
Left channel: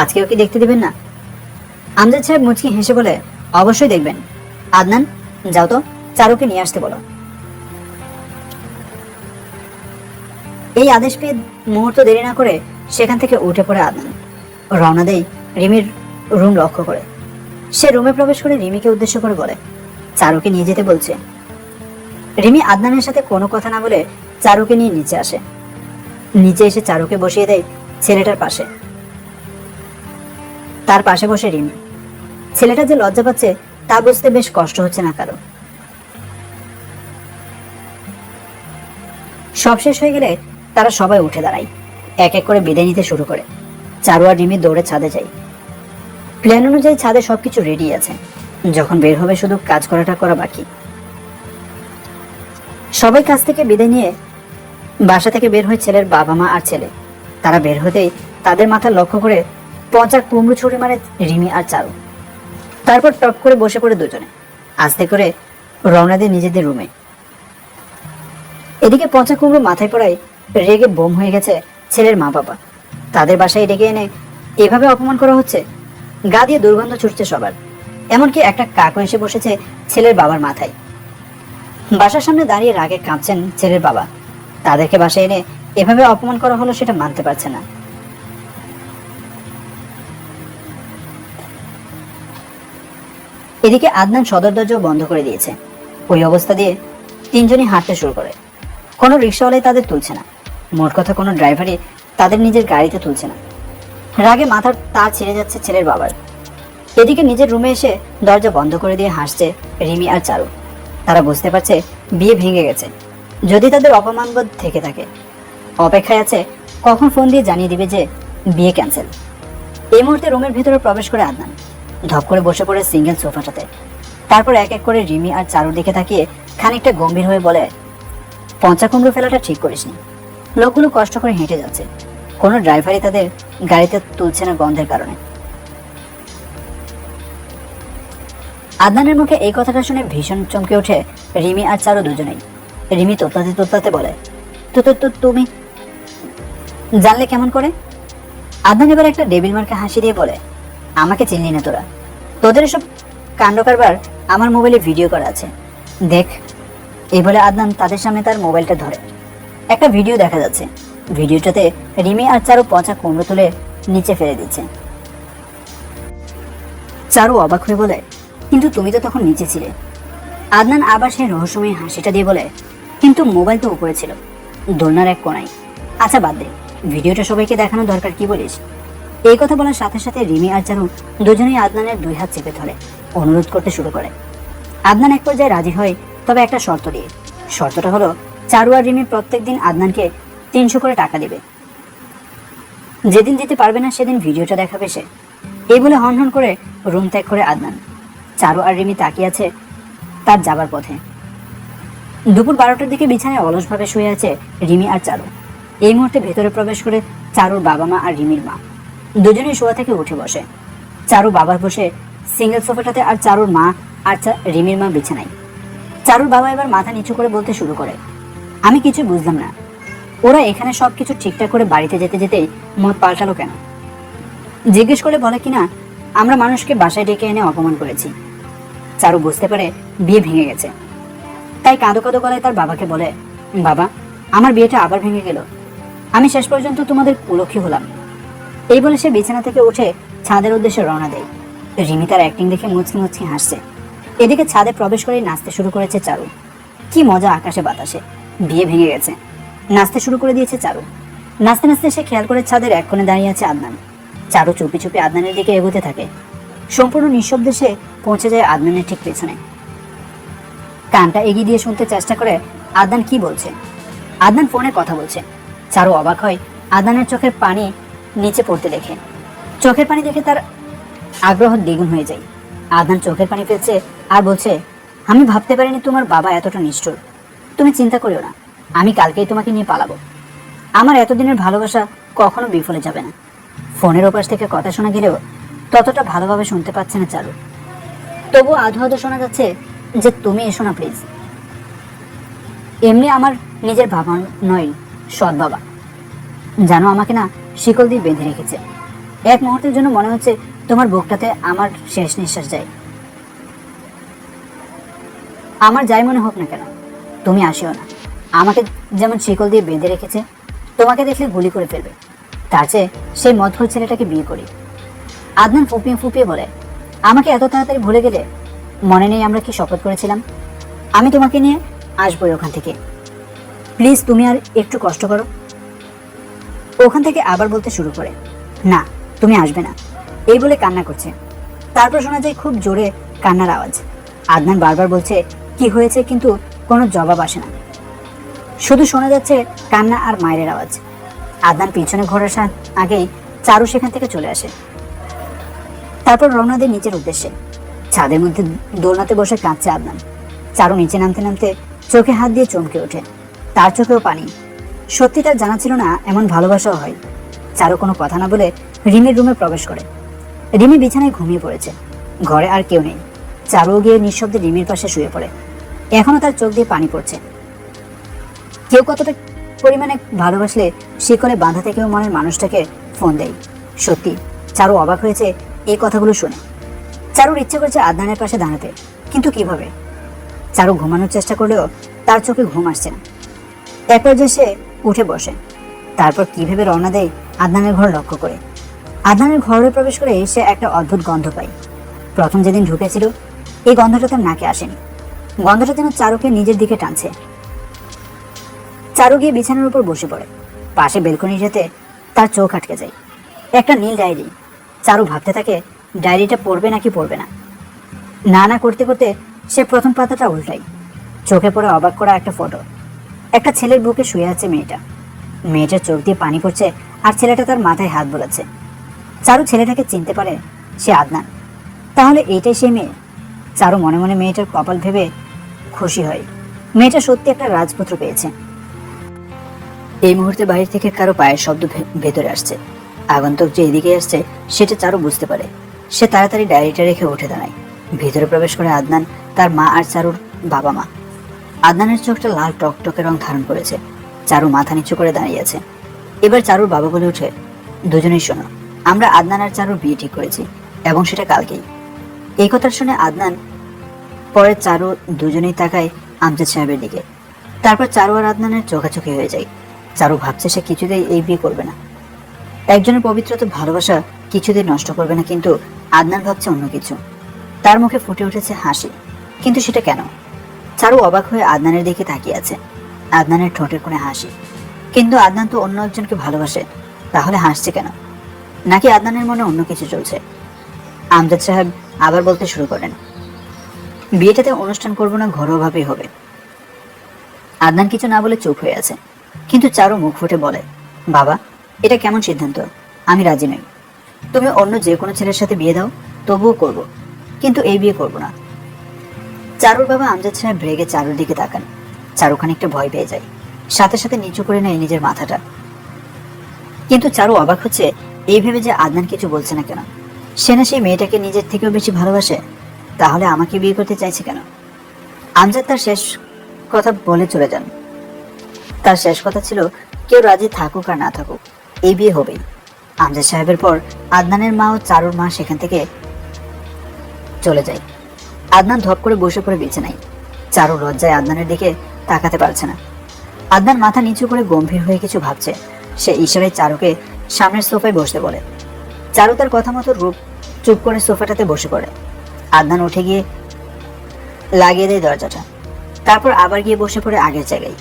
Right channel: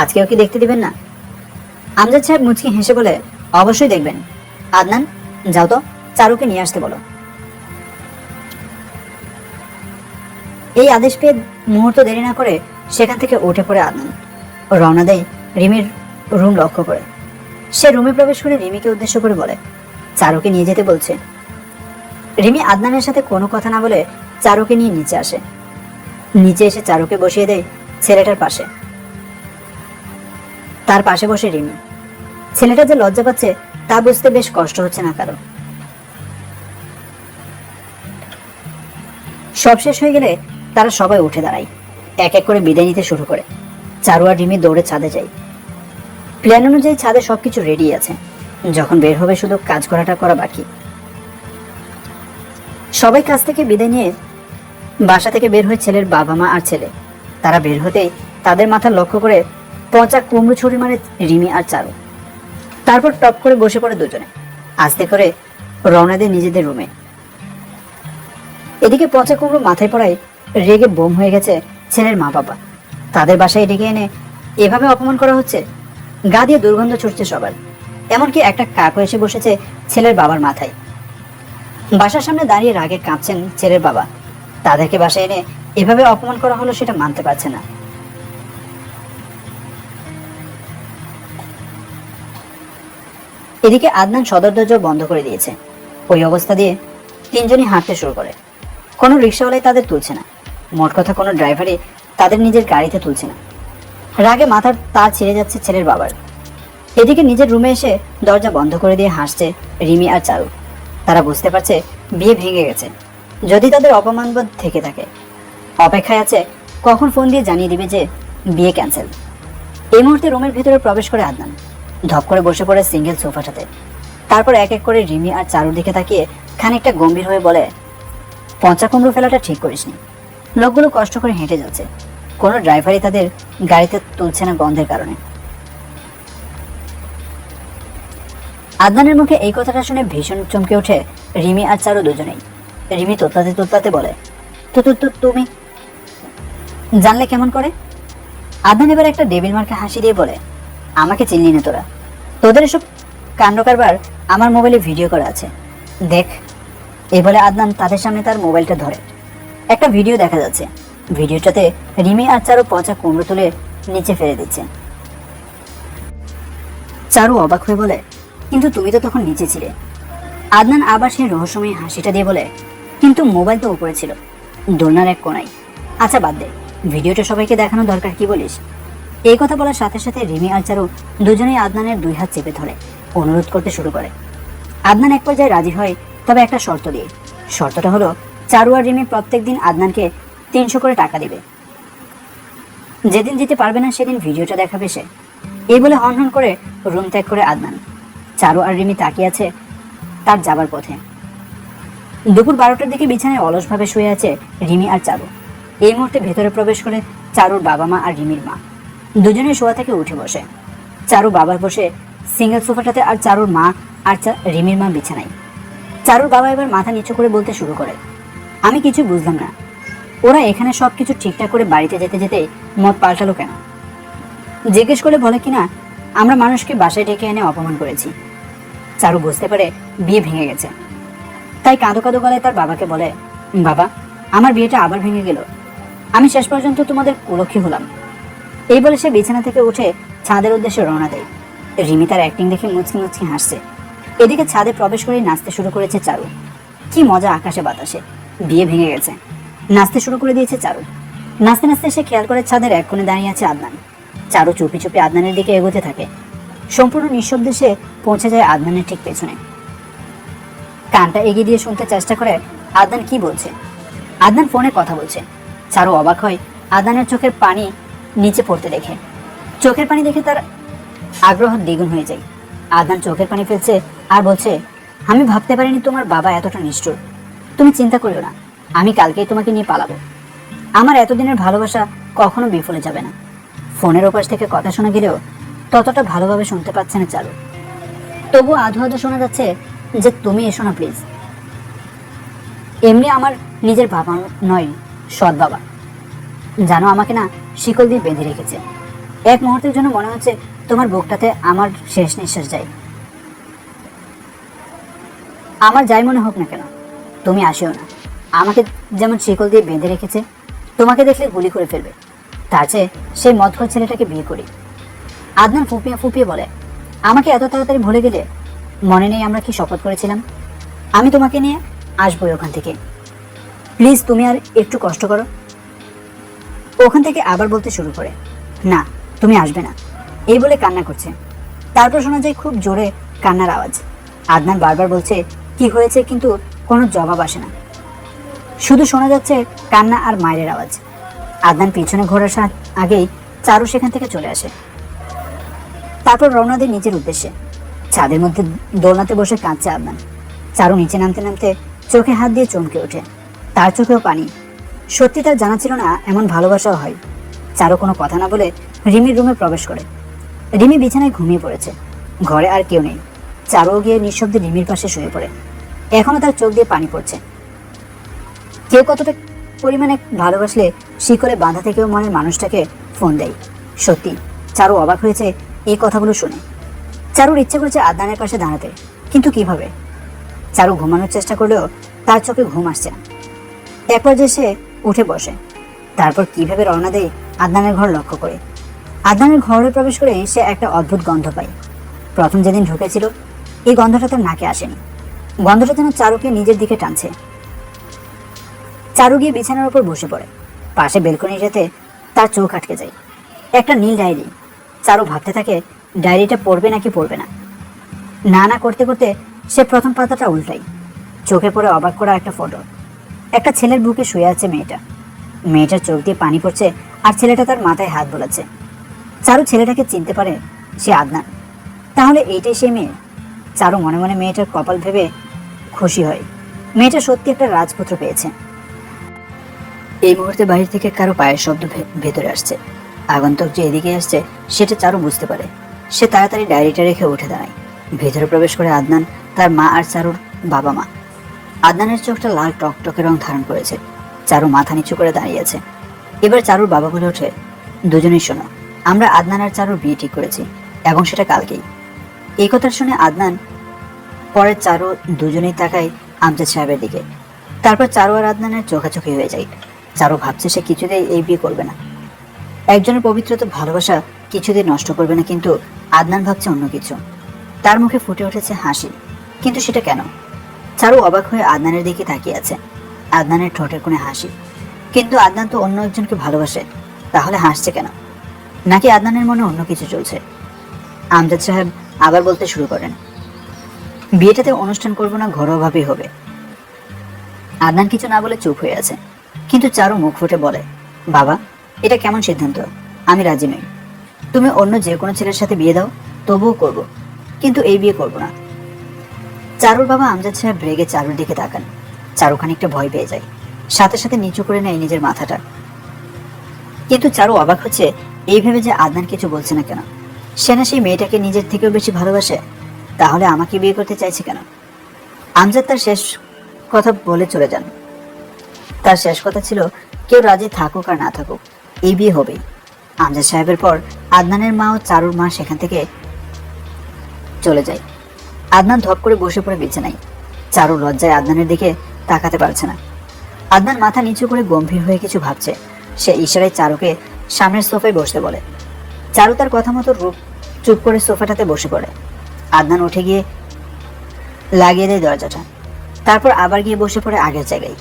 আজকেও কি দেখতে দিবেন না? আমজাদ সাহেব মুচকি হেসে বলে, অবশ্যই দেখবেন। আদনান, যাও তো চারুকে নিয়ে আসতে বলো। এই আদেশ পেয়ে মুহূর্ত দেরি না করে সেখান থেকে উঠে পড়ে আদনান ও রওনা দেয় রিমির রুম লক্ষ্য করে। সে রুমে প্রবেশ করে রিমিকে উদ্দেশ্য করে বলে, চারুকে নিয়ে যেতে বলছে। রিমি আদনানের সাথে কোনো কথা না বলে চারুকে নিয়ে নিচে আসে। নিচে এসে চারুকে বসিয়ে দেয় ছেলেটার পাশে। তার পাশে বসে রিমি। ছেলেটা যে লজ্জা পাচ্ছে তা বুঝতে বেশ কষ্ট হচ্ছে না কারো। সব শেষ হয়ে গেলে তারা সবাই উঠে দাঁড়ায়, এক এক করে বিদায় নিতে শুরু করে। চারু আর রিমি দৌড়ে ছাদে যায়। প্ল্যান অনুযায়ী ছাদে সবকিছু রেডি আছে, যখন বের হবে শুধু কাজ করা বাকি। সবাই কাজ থেকে বিদায় নিয়ে বাসা থেকে বের হয়ে ছেলের বাবা মা আর ছেলে। তারা বের হতেই তাদের মাথা লক্ষ্য করে পচা কুমড়ো ছুরি মারে রিমি আর চারু। তারপর টপ করে বসে পড়ে দুজনে, আস্তে করে রওনা দেয় নিজেদের রুমে। এদিকে পচা কুমড়ো মাথায় পড়ায় রেগে বোম হয়ে গেছে ছেলের মা বাবা। তাদের বাসায় ডেকে এনে এভাবে অপমান করা হচ্ছে। গা দিয়ে দুর্গন্ধ ছুটছে সবার। এমনকি একটা কাকও এসে বসেছে ছেলের বাবার মাথায়। বাসার সামনে দাঁড়িয়ে রাগে কাঁপছেন ছেলের বাবা। তাদেরকে বাসায় এনে এভাবে অপমান করা হলো সেটা মানতে পারছে না। এদিকে আদনান সদর দরজা বন্ধ করে দিয়েছে। ওই অবস্থা দিয়ে তিনজনই হাঁটতে শুরু করে। কোনো রিক্সাওয়ালাই তাদের তুলছে না, মোট কথা কোনো ড্রাইভারই তাদের নিজের গাড়িতে তুলছে না। রাগে মাথার তার ছিঁড়ে যাচ্ছে ছেলের বাবার। এদিকে নিজের রুমে এসে দরজা বন্ধ করে দিয়ে হাসছে রিমি আর চারু। তারা বুঝতে পারছে বিয়ে ভেঙে গেছে, যদি তাদের অপমানবোধ থেকে থাকে। অপেক্ষায় আছে কখন ফোন দিয়ে জানিয়ে দিবে যে বিয়ে ক্যান্সেল। এই মুহূর্তে রুমের ভেতরে প্রবেশ করে আদনান ধপ করে বসে পড়ে সিঙ্গেল সোফাটাতে। তারপর এক এক করে রিমি আর চারুর দিকে তাকিয়ে খানিকটা গম্ভীর হয়ে বলে, পচা কুমড়ো ফেলাটা ঠিক করিসনি। লোকগুলো কষ্ট করে হেঁটে যাচ্ছে, কোনো ড্রাইভারই তাদের গাড়িতে তুলছে না গন্ধের কারণে। আদনানের মুখে এই কথাটা শুনে ভীষণ চমকে ওঠে রিমি আর চারু দুজনেই। রিমি তোতলাতে তোতলাতে বলে, তো তুমি জানলে কেমন করে? আদনান এবার একটা ডেবিল মার্কে হাসি দিয়ে বলে, আমাকে চিনলি না তোরা? তোদের এসব কাণ্ড কারবার আমার মোবাইলে ভিডিও করা আছে, দেখ। এই বলে আদনান তাদের সামনে তার মোবাইলটা ধরে। একটা ভিডিও দেখা যাচ্ছে। ভিডিওটাতে রিমি আর চারু পচা কুমড়ো তুলে নিচে ফেলে দিচ্ছে। চারু অবাক হয়ে বলে, কিন্তু তুমি তো তখন নিচে ছিলে। আদনান আবার সেই রহস্যময় হাসিটা দিয়ে বলে, কিন্তু মোবাইল তো উপরে ছিল, দোলনার এক কোনায়। আচ্ছা বাদ দে, ভিডিওটা সবাইকে দেখানো দরকার, কি বলিস? এই কথা বলার সাথে সাথে রিমি আর চারু দুজনেই আদনানের দুই হাত চেপে ধরে অনুরোধ করতে শুরু করে। আদনান এক পর্যায়ে রাজি হয়, তবে একটা শর্ত দিয়ে। শর্তটা হলো চারু আর রিমি প্রত্যেকদিন আদনানকে 300 করে টাকা দিবে। যেদিন দিতে পারবে না সেদিন ভিডিওটা দেখাবে সে। এই বলে হন করে রুম ত্যাগ করে আদনান। চারু আর রিমি তাকিয়ে আছে তার যাবার পথে। দুপুর 12টার দিকে বিছানায় অলসভাবে শুয়ে আছে রিমি আর চারু। এই মুহূর্তে ভেতরে প্রবেশ করে চারুর বাবা মা আর রিমির মা। দুজনেই শোয়া থেকে উঠে বসে। চারু বাবার বসে সিঙ্গেল সোফাটাতে, আর চারুর মা আর রিমির মা বিছানায়। চারুর বাবা এবার মাথা নিচু করে বলতে শুরু করে, আমি কিছু বুঝলাম না, ওরা এখানে সবকিছু ঠিকঠাক করে বাড়িতে যেতে যেতে মত পাল্টালো কেন? জিজ্ঞেস করলে বলে কিনা আমরা মানুষকে বাসায় ডেকে এনে অপমান করেছি। চারু বুঝতে পারে বিয়ে ভেঙে গেছে, তাই কাঁদো কাঁদো গলায় তার বাবাকে বলে, বাবা আমার বিয়েটা আবার ভেঙে গেল, আমি শেষ পর্যন্ত তোমাদের কুলক্ষী হলাম। এই বলে সে বিছানা থেকে উঠে ছাদের উদ্দেশ্যে রওনা দেয়। রিমি তার অ্যাক্টিং দেখে মুচকি মুচকি হাসছে। এদিকে ছাদে প্রবেশ করে নাচতে শুরু করেছে চারু। কি মজা আকাশে বাতাসে, বিয়ে ভেঙে গেছে, নাচতে শুরু করে দিয়েছে চারু। নাচতে নাচতে সে খেয়াল করে ছাদের এক কোণে দাঁড়িয়ে আছে আদনান। চারু চুপি চুপি আদনানের দিকে এগোতে থাকে। সম্পূর্ণ নিঃশব্দে সে পৌঁছে যায় আদনানের ঠিক পেছনে। কানটা এগিয়ে দিয়ে শুনতে চেষ্টা করে আদনান কি বলছে। আদনান ফোনে কথা বলছে। চারু অবাক হয় আদনানের চোখের পানি নিচে পড়তে দেখে। চোখের পানি দেখে তার আগ্রহ দ্বিগুণ হয়ে যায়। আদনান চোখের পানি ফেলছে আর বলছে, আমি ভাবতে পারিনি তোমার বাবা এতটা নিষ্ঠুর। তুমি চিন্তা করিও না, আমি কালকেই তোমাকে নিয়ে পালাবো। আমার এতদিনের ভালোবাসা কখনো বিফলে যাবে না। ফোনের ওপাশ থেকে কথা শোনা গেলেও ততটা ভালোভাবে শুনতে পাচ্ছে না চারু। তবু আধো আধো শোনা যাচ্ছে যে তুমি এসো না প্লিজ। এমনি আমার নিজের বাবা নয়, সৎ বাবা, জানো আমাকে না শিকল দিয়ে বেঁধে রেখেছে। এক মুহূর্তের জন্য মনে হচ্ছে তোমার বুকটাতে আমার শেষ নিঃশ্বাস যায়। আমার যাই মনে হোক না কেন, তুমি আসিও না। আমাকে যেমন শিকল দিয়ে বেঁধে রেখেছে, তোমাকে দেখলে গুলি করে ফেলবে। তার চেয়ে সেই মদখোর ছেলেটাকে বিয়ে করি। আদনান ফুপিয়ে ফুপিয়ে বলে, আমাকে এত তাড়াতাড়ি ভুলে গেলে? মনে নেই আমরা কি শপথ করেছিলাম? আমি তোমাকে নিয়ে আসবোই ওখান থেকে। প্লিজ তুমি আর একটু কষ্ট করো। ওখান থেকে আবার বলতে শুরু করে, না তুমি আসবে না, এই বলে কান্না করছে। তারপর শোনা যায় খুব জোরে কান্নার আওয়াজ। আদনান বারবার বলছে কি হয়েছে, কিন্তু কোনো জবাব আসে না। শুধু শোনা যাচ্ছে কান্না আর মায়ের আওয়াজ। আদনান পিছনে ঘোরার আগেই চারু সেখান থেকে চলে আসে। তারপর রওনা দেয় নিচের উদ্দেশ্যে। ছাদের মধ্যে দোলনাতে বসে কাঁদছে আদনান। চারু নিচে নামতে নামতে চোখে হাত দিয়ে চমকে ওঠে। তার চোখেও পানি। সত্যি তার জানা ছিল না এমন ভালোবাসাও হয়। চারু কোনো কথা না বলে রিমির রুমে প্রবেশ করে। রিমি বিছানায় ঘুমিয়ে পড়েছে। ঘরে আর কেউ নেই। চারু গিয়ে নিঃশব্দে রিমির পাশে শুয়ে পড়ে। এখনো তার চোখ দিয়ে পানি পড়ছে। কেউ কতটা পরিমাণে ভালোবাসলে শিকলে বাঁধা থেকেও মনের মানুষটাকে ফোন দেয়। সত্যি চারু অবাক হয়েছে এই কথাগুলো শুনে। চারুর ইচ্ছে করছে আদনানের পাশে দাঁড়াতে, কিন্তু কিভাবে? চারু ঘুমানোর চেষ্টা করলেও তার চোখে ঘুম আসছে না। এক পর্যায়ে সে উঠে বসে। তারপর কিভাবে রওনা দেয় আদনানের ঘর লক্ষ্য করে। আদনানের ঘরে প্রবেশ করে সে একটা অদ্ভুত গন্ধ পায়। প্রথম যেদিন ঢুকেছিল এই গন্ধটা তার নাকে আসেনি। গন্ধটা যেন চারুকে নিজের দিকে টানছে। চারু গিয়ে বিছানার উপর বসে পড়ে। পাশে বেলকনিটাতে তার চোখ আটকে যায়। একটা নীল ডায়েরি। চারু ভাবতে থাকে ডায়েরিটা পড়বে নাকি পড়বে না। না না করতে করতে সে প্রথম পাতাটা উল্টায়। চোখে পড়ে অবাক করা একটা ফটো। একটা ছেলের বুকে শুয়ে আছে মেয়েটা। মেয়েটার চোখ দিয়ে পানি পড়ছে আর ছেলেটা তার মাথায় হাত বোলাচ্ছে। চারু ছেলেটাকে চিনতে পারে সে আদনান। তাহলে এইটাই সেই মেয়ে। চারু মনে মনে মেয়েটার কপাল ভেবে খুশি হয়। মেয়েটা সত্যি একটা রাজপুত্র পেয়েছে। এই মুহূর্তে বাইরে থেকে কারো পায়ের শব্দ ভেতরে আসছে। আগন্তুক যে এদিকে আসছে সেটা চারু বুঝতে পারে। সে তাড়াতাড়ি ডায়েরিটা রেখে উঠে দাঁড়ায়। ভেতরে প্রবেশ করে আদনান, তার মা আর চারুর বাবা মা। আদনানের চোখটা লাল টকটকে রং ধারণ করেছে। চারু মাথা নিচু করে দাঁড়িয়ে আছে। এবার চারুর বাবা বলে ওঠে, দুজনেই শোনো, আমরা আদনান আর চারুর বিয়ে ঠিক করেছি, এবং সেটা কালকেই। এই কথা শুনে আদনান পরে চারু দুজনেই তাকায় আমজাদ সাহেবের দিকে। তারপর চারু আর আদনানের চোখাচোখি হয়ে যায়। চারু ভাবছে সে কিছুতেই এই বিয়ে করবে না। একজনের পবিত্রতা ভালোবাসা কিছুতেই নষ্ট করবে না, কিন্তু আদনান ভাবছে অন্য কিছু। তার মুখে ফুটে উঠেছে হাসি, কিন্তু সেটা কেন? চারু অবাক হয়ে আদনানের দিকে তাকিয়ে আছে। আদনানের ঠোঁটের কোণে হাসি, কিন্তু আদনান তো অন্য একজনকে ভালোবাসে, তাহলে হাসছে কেন? নাকি আদনানের মনে অন্য কিছু চলছে? আমজাদ সাহেব আবার বলতে শুরু করেন, বিয়েটাতে অনুষ্ঠান করবো না, ঘরোয়াভাবেই হবে। আদনান কিছু না বলে চুপ হয়ে আছে, কিন্তু চারু মুখ ফুটে বলে, বাবা এটা কেমন সিদ্ধান্ত? আমি রাজি নই। তুমি অন্য যে কোনো ছেলের সাথে বিয়ে দাও, তবুও করব, কিন্তু এই বিয়ে করব না। চারুর বাবা আমজাদ সাহেব রেগে চারুর দিকে তাকান। চারু খানিকটা ভয় পেয়ে যায়, সাথে সাথে নিচু করে নেয় নিজের মাথাটা। কিন্তু চারু অবাক হচ্ছে এই ভেবে যে আদনান কিছু বলছে না কেন। সে না সেই মেয়েটাকে নিজের থেকেও বেশি ভালোবাসে, তাহলে আমাকে বিয়ে করতে চাইছে কেন? আমজাদ তার শেষ কথা বলে চলে যান। তার শেষ কথা ছিল, কেউ রাজি থাকুক আর না থাকুক, এই বিয়ে হবেই। আমজাদ সাহেবের পর আদনানের মা ও চারুর মা সেখান থেকে চলে যায়। আদনান ধপ করে বসে পড়ে বিছানায়। চারু লজ্জায় আদনানের দিকে তাকাতে পারছে না। আদনান মাথা নিচু করে গম্ভীর হয়ে কিছু ভাবছে। সে ইশারায় চারুকে সামনের সোফায় বসতে বলে। চারু তার কথা মতো চুপ করে সোফাটাতে বসে পড়ে। আদনান উঠে গিয়ে লাগিয়ে দেয় দরজাটা। তারপর আবার গিয়ে বসে পড়ে আগের জায়গায়।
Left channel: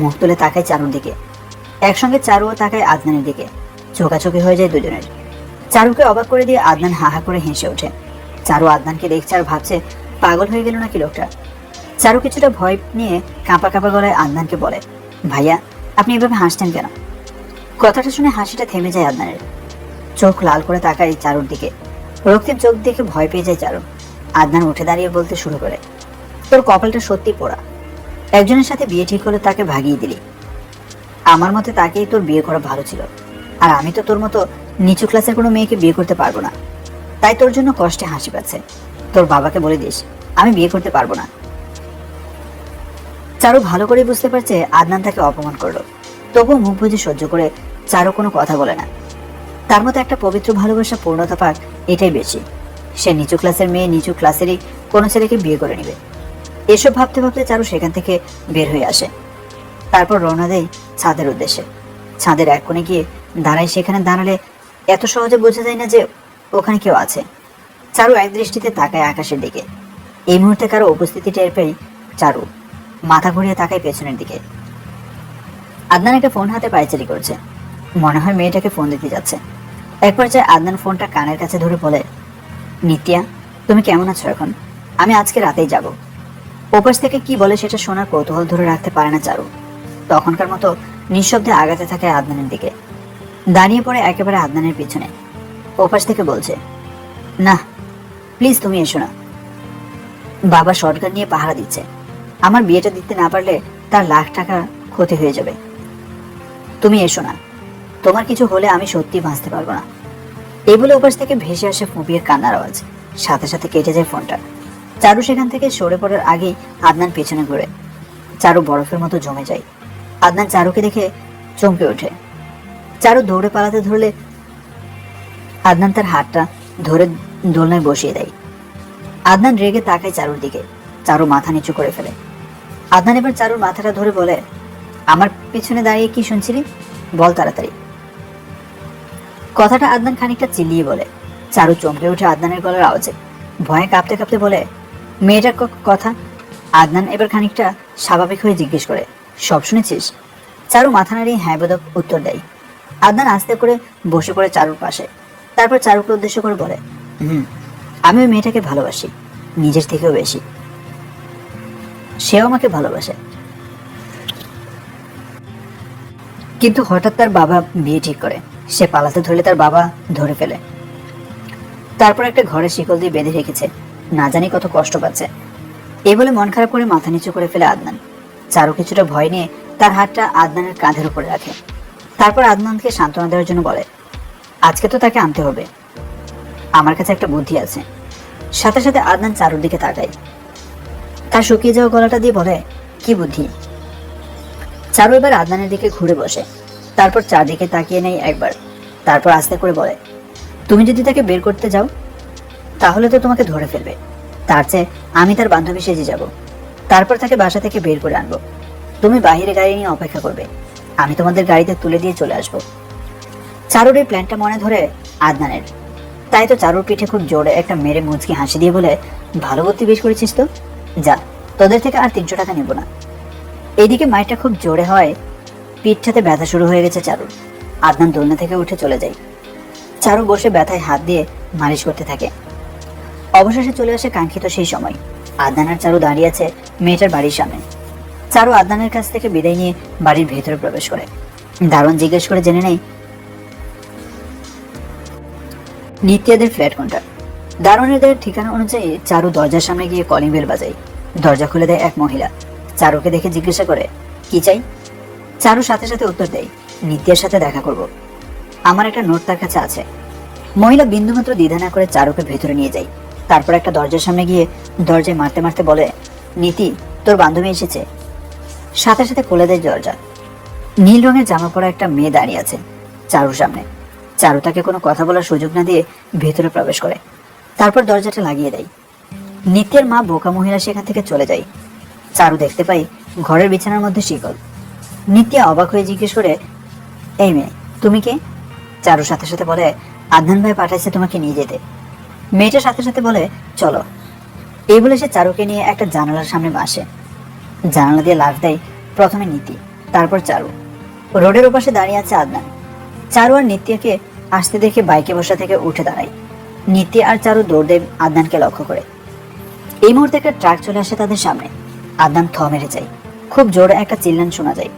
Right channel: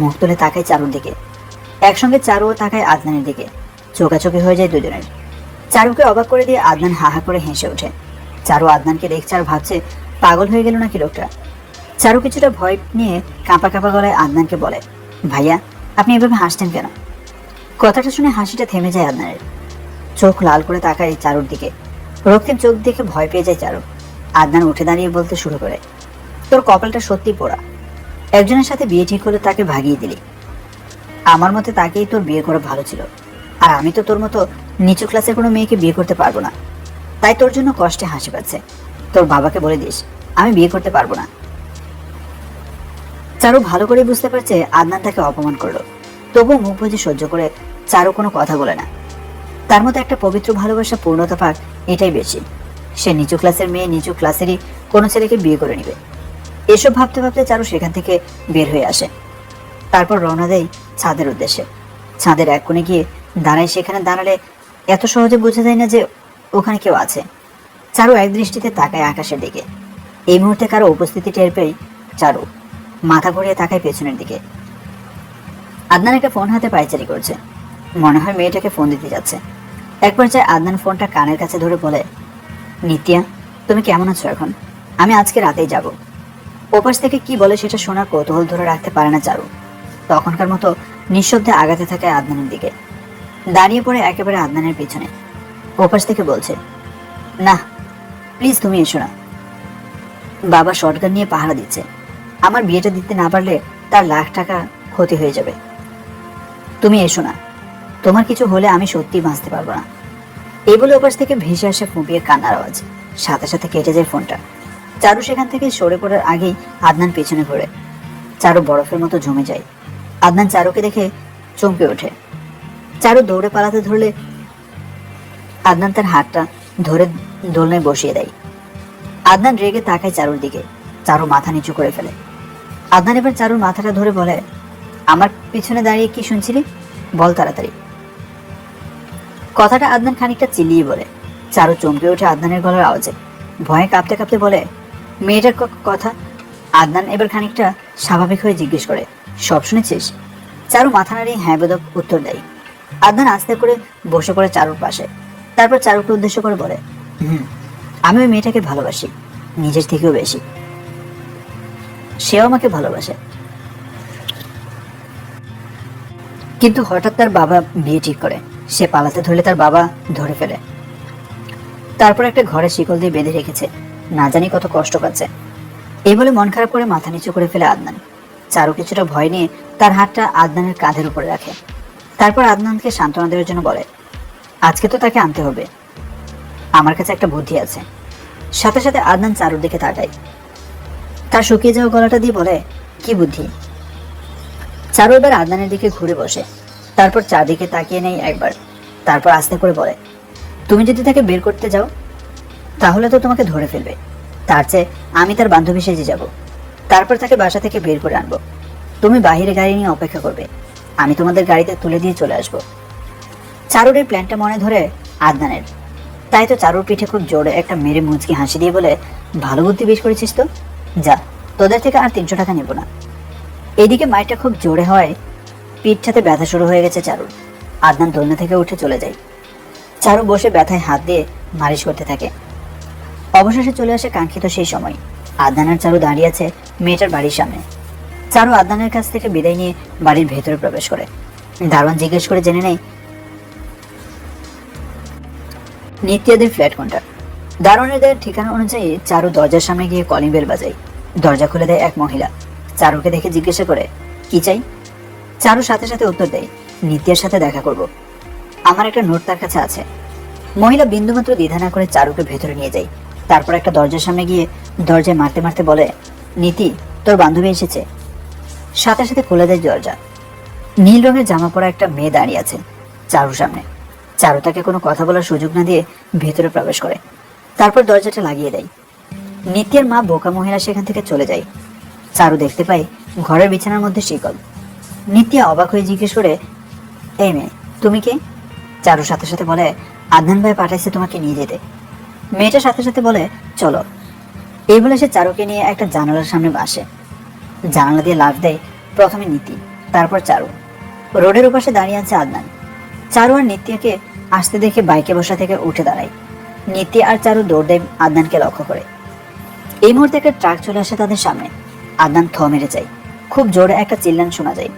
মুখ তুলে তাকায় চারুর দিকে। একসঙ্গে চারুও তাকায় আদনানের দিকে। চোখাচোখি হয়ে যায় দুজনের। চারুকে অবাক করে দিয়ে আদনান হাহা করে হেসে ওঠে। চারু আদনানকে দেখছে আর ভাবছে, পাগল হয়ে গেল নাকি লোকটা। চারু কিছুটা ভয় নিয়ে কাঁপা কাঁপা গলায় আদনানকে বলে, ভাইয়া আপনি এভাবে হাসছেন কেন? কথাটা শুনে হাসিটা থেমে যায় আদনানের। চোখ লাল করে তাকায় চারুর দিকে। রক্তিম চোখ দেখে ভয় পেয়ে যায় চারু। আদনান উঠে দাঁড়িয়ে বলতে শুরু করে, তোর কপালটা সত্যি পোড়া। একজনের সাথে বিয়ে ঠিক হলে তাকে ভাগিয়ে দিলি। আমার মতে তাকেই তোর বিয়ে করা ভালো ছিল। আর আমি তো তোর মতো নিচু ক্লাসের কোনো মেয়েকে বিয়ে করতে পারবো না। তাই তোর জন্য কষ্টে হাসি পাচ্ছে। তোর বাবাকে বলে দিস আমি বিয়ে করতে পারবো না। চারু ভালো করে বুঝতে পারছে আদনান তাকে অপমান করলো, তবুও মুখ বুজে সহ্য করে চারু কোনো কথা বলে না। তার মতো একটা পবিত্র ভালোবাসা পূর্ণতা পাক, এটাই বেশি। সে নিচু ক্লাসের মেয়ে নিচু ক্লাসেরই কোনো ছেলেকে বিয়ে করে নেবে। এসব ভাবতে ভাবতে চারু সেখান থেকে বের হয়ে আসে। তারপর রওনা দেয় ছাদের উদ্দেশ্যে। ছাদের এক কোণে গিয়ে দাঁড়ায়। সেখানে দাঁড়ালে এত সহজে বোঝা যায় না যে ওখানে কেউ আছে। চারু এক দৃষ্টিতে তাকায় আকাশের দিকে। এই মুহূর্তে কারো উপস্থিতি টের পেয়ে চারু মাথা ঘুরিয়ে তাকায় পেছনের দিকে। আদনান একটা ফোন হাতে পায়চারি করছে। মনে হয় মেয়েটাকে ফোন দিতে যাচ্ছে। এক পর্যায়ে আদনান ফোনটা কানের কাছে ধরে বলে, নিত্যা, তুমি কেমন আছো এখন? আমি আজকে রাতেই যাব। ওপাশ থেকে কি বলে সেটা শোনার কৌতূহল ধরে রাখতে পারে না চারু। তখনকার মতো নিঃশব্দে আগাতে থাকে আদনানের দিকে। দাঁড়িয়ে পড়ে একেবারে আদনানের পিছনে। ওপাশ থেকে বলছে, না প্লিজ তুমি এসো না। বাবা শটগান নিয়ে পাহারা দিচ্ছে। আমার বিয়েটা দিতে না পারলে তার লাখ টাকা ক্ষতি হয়ে যাবে। তুমি এসো না, তোমার কিছু হলে আমি সত্যি বাঁচতে পারবো না। এই বলে ওপাশ থেকে ভেসে আসে ফুপিয়ে কান্নার আওয়াজ। সাথে সাথে কেটে যায় ফোনটা। চারু সেখান থেকে সরে পড়ার আগেই আদনান পেছনে ঘুরে। চারু বরফের মতো জমে যায়। আদনান চারুকে দেখে চমকে ওঠে। চারু দৌড়ে পালাতে ধরলে আদনান তার হাতটা ধরে দোলনায় বসিয়ে দেয়। আদনান রেগে তাকায় চারুর দিকে। চারু মাথা নিচু করে ফেলে। আদনান এবার চারুর মাথাটা ধরে বলে, আমার পিছনে দাঁড়িয়ে কি শুনছিলি? বল তাড়াতাড়ি। কথাটা আদনান খানিকটা চিল্লিয়ে বলে। চারু চমকে ওঠে আদনানের গলার আওয়াজে। ভয়ে কাঁপতে কাঁপতে বলে, মেয়েটার কথা? আদনান এবার খানিকটা স্বাভাবিক হয়ে জিজ্ঞেস করে, সব শুনেছিস? চারু মাথা নাড়িয়ে হ্যাঁ বোধক উত্তর দেয়। আদনান আস্তে করে বসে পড়ে চারুর পাশে। তারপর চারুকে উদ্দেশ্য করে বলে, আমি ওই মেয়েটাকে ভালোবাসি, নিজের থেকেও বেশি। সেও আমাকে ভালোবাসে। কিন্তু হঠাৎ তার বাবা বিয়ে ঠিক করে। সে পালাতে ধরলে তার বাবা ধরে ফেলে। তারপর একটা ঘরে শিকল দিয়ে বেঁধে রেখেছে। না জানি কত কষ্ট পাচ্ছে। এই বলে মন খারাপ করে মাথা নিচু করে ফেলে আদনান। চারু কিছুটা ভয় নিয়ে তার হাতটা আদনানের কাঁধের উপরে রাখে। তারপর আদনানকে সান্ত্বনা দেওয়ার জন্য বলে, আজকে তো তাকে আনতে হবে। আমার কাছে একটা বুদ্ধি আছে। সাথে সাথে আদনান চারুর দিকে তাকায়। তার শুকিয়ে যাওয়া গলাটা দিয়ে বলে, কি বুদ্ধি? চারু এবার আদনানের দিকে ঘুরে বসে। তারপর চারদিকে তাকিয়ে নেই একবার। তারপর আস্তে করে বলে, তুমি যদি তাকে বের করতে যাও তাহলে তো তোমাকে ধরে ফেলবে। তার চেয়ে আমি তার বান্ধবী সেজে যাব। তারপর তাকে বাসা থেকে বের করে আনবো। তুমি বাহিরে গাড়ি নিয়ে অপেক্ষা করবে। আমি তোমাদের গাড়িতে তুলে দিয়ে চলে আসবো। চারুর এই প্ল্যানটা মনে ধরে আদনানের। তাই তো চারুর পিঠে খুব জোরে একটা মেরে মুচকি হাসি দিয়ে বলে, ভালো বুদ্ধি বের করেছিস তো, যা, তোদের থেকে আর 300 টাকা নেব না। এদিকে মাইটা খুব জোরে হয়। পিঠটাতে ব্যথা শুরু হয়ে গেছে চারুর। আদনান দোলনা থেকে উঠে চলে যায়। চারু বসে ব্যথায় হাত দিয়ে মালিশ করতে থাকে। অবশেষে চলে আসে কাঙ্ক্ষিত সেই সময়। আদনান আর চারু দাঁড়িয়ে আছে মেয়েটার বাড়ির সামনে। চারু আদনানের কাছ থেকে বিদায় নিয়ে বাড়ির ভেতরে প্রবেশ করে। দারোয়ান জিজ্ঞেস করে জেনে নেই নিত্যাদের ফ্ল্যাট কোনটা। দারোয়ানের দেওয়ার ঠিকানা অনুযায়ী চারু দরজার সামনে গিয়ে কলিং বেল বাজায়। দরজা খুলে দেয় এক মহিলা। চারুকে দেখে জিজ্ঞাসা করে, কি চাই? চারু সাথে সাথে উত্তর দেয়, নিত্যার সাথে দেখা করব। আমার একটা নোট তার কাছে আছে। মহিলা বিন্দুমাত্র দ্বিধা না করে চারুকে ভেতরে নিয়ে যায়। তারপর একটা দরজার সামনে গিয়ে দরজায় মারতে মারতে বলে, নীতি, তোর বান্ধবী এসেছে। সাথে সাথে খুলে দেয় দরজা। নীল রঙের জামা পরা একটা মেয়ে দাঁড়িয়ে আছে চারুর সামনে। চারু তাকে কোনো কথা বলার সুযোগ না দিয়ে ভেতরে প্রবেশ করে। তারপর দরজাটা লাগিয়ে দেয়। নিত্যের মা বোকা মহিলা সেখান থেকে চলে যায়। চারু দেখতে পাই ঘরের বিছানার মধ্যে শিকল। নিত্যা অবাক হয়ে জিজ্ঞেস করে, এই মেয়ে, তুমি কে? চারুর সাথে সাথে বলে, আদনান ভাই পাঠাইছে তোমাকে নিয়ে যেতে। মেয়েটার সাথে সাথে বলে, চলো। এই বলে সে চারুকে নিয়ে একটা জানালার সামনে বসে। জানালা দিয়ে লাফ দেয় প্রথমে নীতি, তারপর চারু। রোডের ওপাশে দাঁড়িয়ে আছে আদনান। চারু আর নিত্যকে আসতে দেখে বাইকে বসা থেকে উঠে দাঁড়ায়। নিত্যা আর চারু দৌড় দেয় আদনানকে লক্ষ্য করে। এই মুহূর্তে একটা ট্রাক চলে আসে তাদের সামনে। আদনান থ মেরে যায়। খুব জোরে একটা চিল্লান শোনা যায়।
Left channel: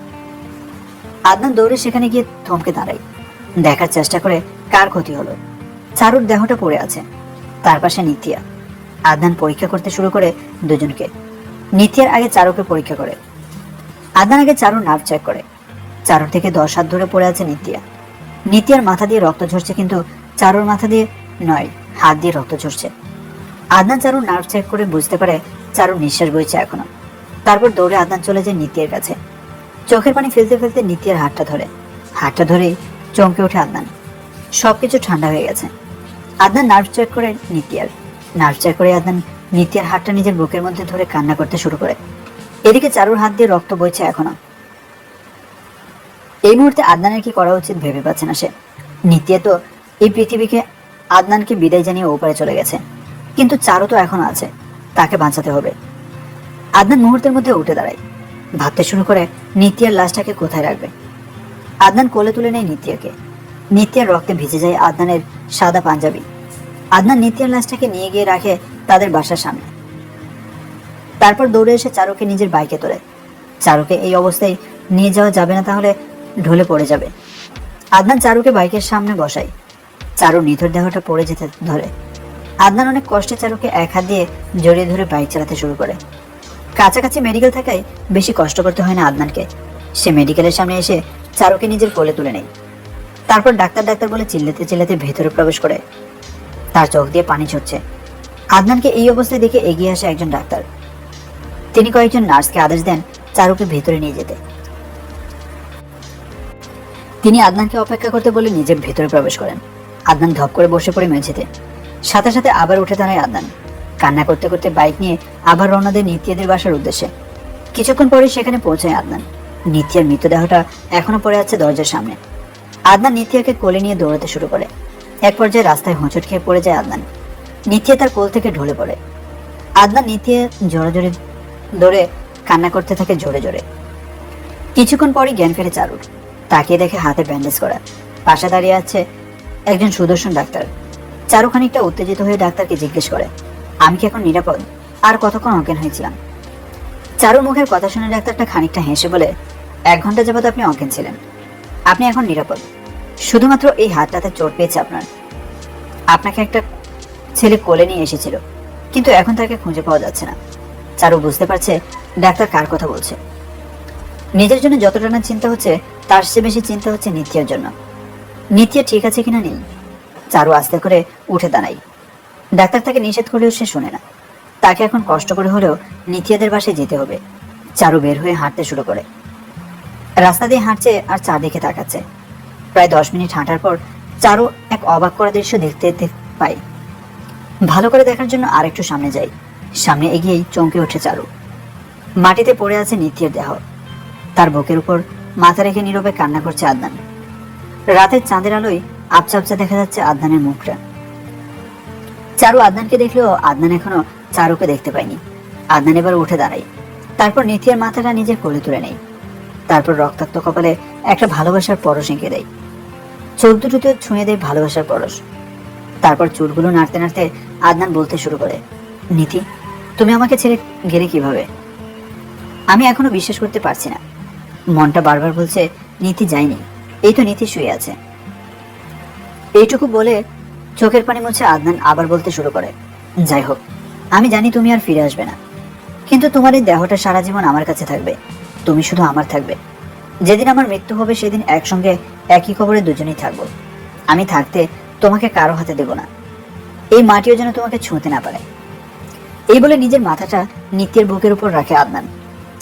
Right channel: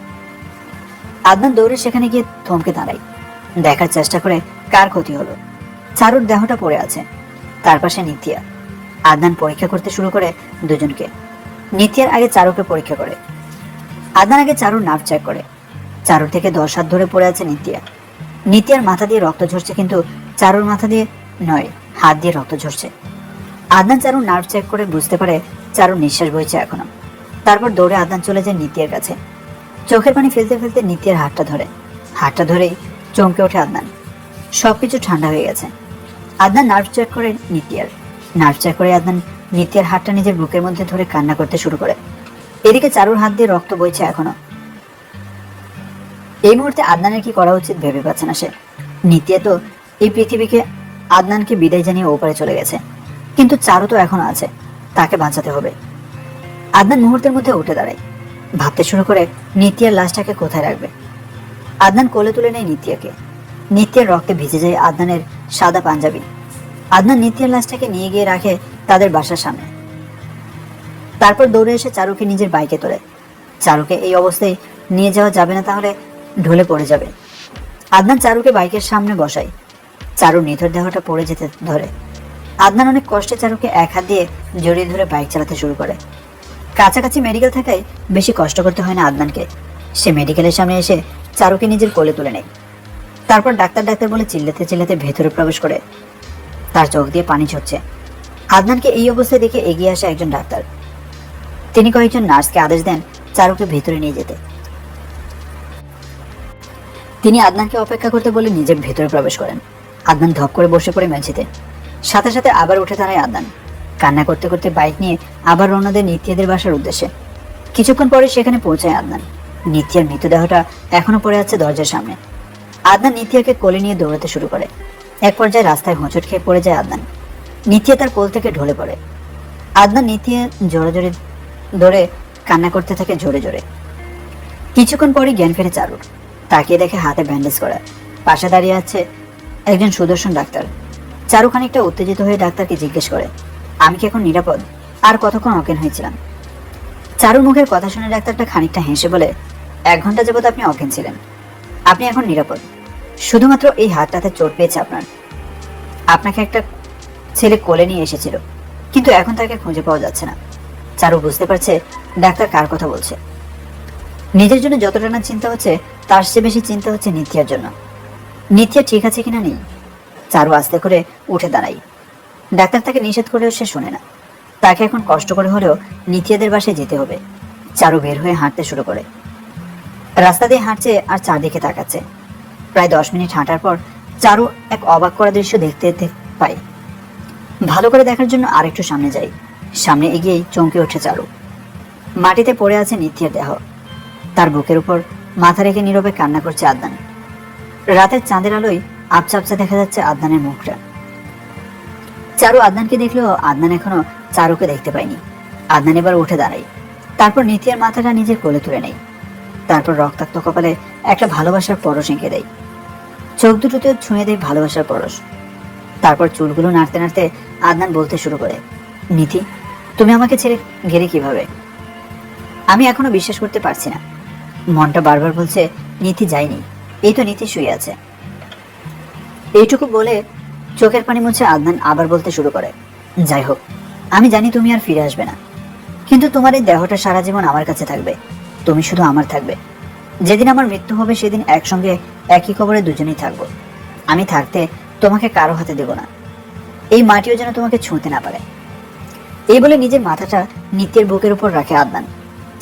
আদনান দৌড়ে সেখানে গিয়ে থমকে দাঁড়ায়। দেখার চেষ্টা করে কার ক্ষতি হলো। চারুর দেহটা পড়ে আছে, তার পাশে নিত্যা। আদনান পরীক্ষা করতে শুরু করে দুজনকে। নিত্যার আগে চারুকে পরীক্ষা করে। আদনান আগে চারুর নার্ভ চেক করে। চারুর থেকে 10 হাত ধরে পড়ে আছে নিত্যা। নিত্যার মাথা দিয়ে রক্ত ঝরছে, কিন্তু চারুর মাথা দিয়ে নয়, হাত দিয়ে রক্ত ঝরছে। আদনান চারুর নার্ভ চেক করে বুঝতে পারে চারুর নিঃশ্বাস বইছে এখনো। তারপর দৌড়ে আদনান চলে যায় নিত্যের কাছে। চোখের পানি ফেলতে ফেলতে নিত্যের হাতটা ধরে। হাতটা ধরেই চমকে ওঠে আদনান। সবকিছু ঠান্ডা হয়ে গেছে। আদনান নার্ভ চেক করে আদনান নিতিয়ার হাতটা নিজের বুকের মধ্যে ধরে কান্না করতে শুরু করে। এদিকে চারুর হাত দিয়ে রক্ত বইছে এখনো। এই মুহূর্তে আদনানের কি করা উচিত ভেবে পাচ্ছে না সে। নিত্যা তো এই পৃথিবীকে আদনানকে বিদায় জানিয়ে ওপারে চলে গেছে, কিন্তু চারু তো এখনো আছে, তাকে বাঁচাতে হবে। আদনান মুহূর্তের মধ্যে উঠে দাঁড়ায়, ভাবতে শুরু করে নিত্যার লাশটাকে কোথায় রাখবে। আদনান কোলে তুলে নেয় নিত্যাকে। নিত্যার রক্তে ভিজে যায় আদনানের সাদা পাঞ্জাবি। আদনান নিত্যার লাশটাকে নিয়ে গিয়ে রাখে তাদের বাসার সামনে। তারপর দৌড়ে এসে চারুকে নিজের বাইকে তোলে। চারুকে এই অবস্থায় নিয়ে যাওয়া যাবে না, তাহলে ঢলে পড়ে যাবে। আদনান চারুকে বাইকের সামনে বসায়। চারু নিথর দেহটা পড়ে যেতে ধরে। আদনান অনেক কষ্টে চারুকে এক হাত দিয়ে জড়িয়ে ধরে বাইক চালাতে শুরু করে। কাছাকাছি মেডিকেল থাকায় বেশি কষ্ট করতে হয় না আদনানকে। সে মেডিকেলের সামনে এসে চারুকে নিজের কোলে তুলে নেয়। তারপর ডাক্তার ডাক্তার বলে চিল্লাতে চিল্লাতে ভেতরে প্রবেশ করে। তার চোখ দিয়ে পানি ঝরছে। আদনানকে এই অবস্থায় দেখে এগিয়ে আসে একজন ডাক্তার। তিনি কয়েকজন নার্সকে আদেশ দেন চারুকে ভেতরে নিয়ে যেতে। তিনি আদনানকে অপেক্ষা করতে বলে নিজের ভেতরে প্রবেশ করেন। আদনান ধপ করে বসে পড়ে মেঝেতে। সাথে সাথে আবার উঠে দাঁড়ায় আদনান। কান্না করতে করতে বাইক নিয়ে আবার রওনা দেয় নিত্যাদের বাসার উদ্দেশ্যে। কিছুক্ষণ পরে সেখানে পৌঁছায় আদনান। নিত্যার মৃতদেহটা এখনো পড়ে আছে দরজার সামনে। আদনান নিত্যাকে কোলে নিয়ে দৌড়াতে শুরু করে। এক পর্যায়ে রাস্তায় হোঁচট খেয়ে পড়ে যায় আদনান। নিত্যা তার কোল থেকে ঢলে পড়ে। আদনান নিত্যা জোরে জোরে ধরে কান্না করতে থাকে জোরে জোরে। কিছুক্ষণ পরই জ্ঞান ফেরে চারুর। তাকিয়ে দেখে হাতে ব্যান্ডেজ করা। পাশে দাঁড়িয়ে আছে একজন সুদর্শন ডাক্তার। চারু খানিকটা উত্তেজিত হয়ে ডাক্তারকে জিজ্ঞেস করে, আমি কি এখন নিরাপদ? আর কতক্ষণ অজ্ঞান হয়েছিলাম? চারুর মুখের কথা শুনে ডাক্তারটা খানিকটা হেসে বলে, 1 ঘন্টা যাবত আপনি অজ্ঞান ছিলেন। আপনি এখন নিরাপদ। শুধুমাত্র এই হাতটাতে চোট পেয়েছে আপনার। আপনাকে একটা ছেলে কোলে নিয়ে এসেছিল, কিন্তু এখন তাকে খুঁজে পাওয়া যাচ্ছে না। চারু বুঝতে পারছে ডাক্তার কার কথা বলছে। নিজের জন্য যতটা না চিন্তা হচ্ছে, তার চেয়ে বেশি চিন্তা হচ্ছে নিত্যার জন্য। নিত্যা ঠিক আছে কিনা নেই। চারু আস্তে করে উঠে দাঁড়াই। ডাক্তার তাকে নিষেধ করলেও সে শোনে না। তাকে এখন কষ্ট করে হলেও নিত্যাদের বাসায় যেতে হবে। চারু বের হয়ে হাঁটতে শুরু করে। রাস্তা দিয়ে হাঁটছে আর চারদিকে তাকাচ্ছে। প্রায় 10 মিনিট হাঁটার পর চারু এক অবাক করা দৃশ্য দেখতে পায়। ভালো করে দেখার জন্য আরেকটু সামনে যাই। সামনে এগিয়েই চমকে ওঠে চারু। মাটিতে পড়ে আছে নিত্যের দেহ। তার বুকের উপর মাথা রেখে নীরবে কান্না করছে আদনান। রাতের চাঁদের আলোয় আবছা আবছা দেখা যাচ্ছে আদনানের মুখটা। চারু আদনানকে দেখলেও আদনান এখনো চারুকে দেখতে পায়নি। আদনান এবার উঠে দাঁড়ায়। তারপর নিত্যের মাথাটা নিজের কোলে তুলে নেয়। তারপর রক্তাক্ত কপালে একটা ভালোবাসার পরশ এঁকে দেয়। চোখ দুটোতে ছুঁয়ে দেয় ভালোবাসার পরশ। তারপর চুলগুলো নাড়তে নাড়তে আদনান বলতে শুরু করে, নিধি, তুমি আমাকে ছেড়ে গেলে কিভাবে? আমি এখনো বিশ্বাস করতে পারছি না। মনটা বারবার বলছে নীতি যায়নি, এই তো নীতি শুয়ে আছে। এইটুকু বলে চোখের পানি মুছে আদনান আবার বলতে শুরু করে, যাই হোক, আমি জানি তুমি আর ফিরে আসবে না, কিন্তু তোমার এই দেহটা সারা জীবন আমার কাছে থাকবে। তুমি শুধু আমার থাকবে। যেদিন আমার মৃত্যু হবে সেদিন একসঙ্গে একই কবরে দুজনেই থাকবো। আমি থাকতে তোমাকে কারো হাতে দেব না। এই মাটিও যেন তোমাকে ছুঁতে না পারে। এই বলে নিজের মাথাটা নিত্যের বুকের উপর রাখে আদনান।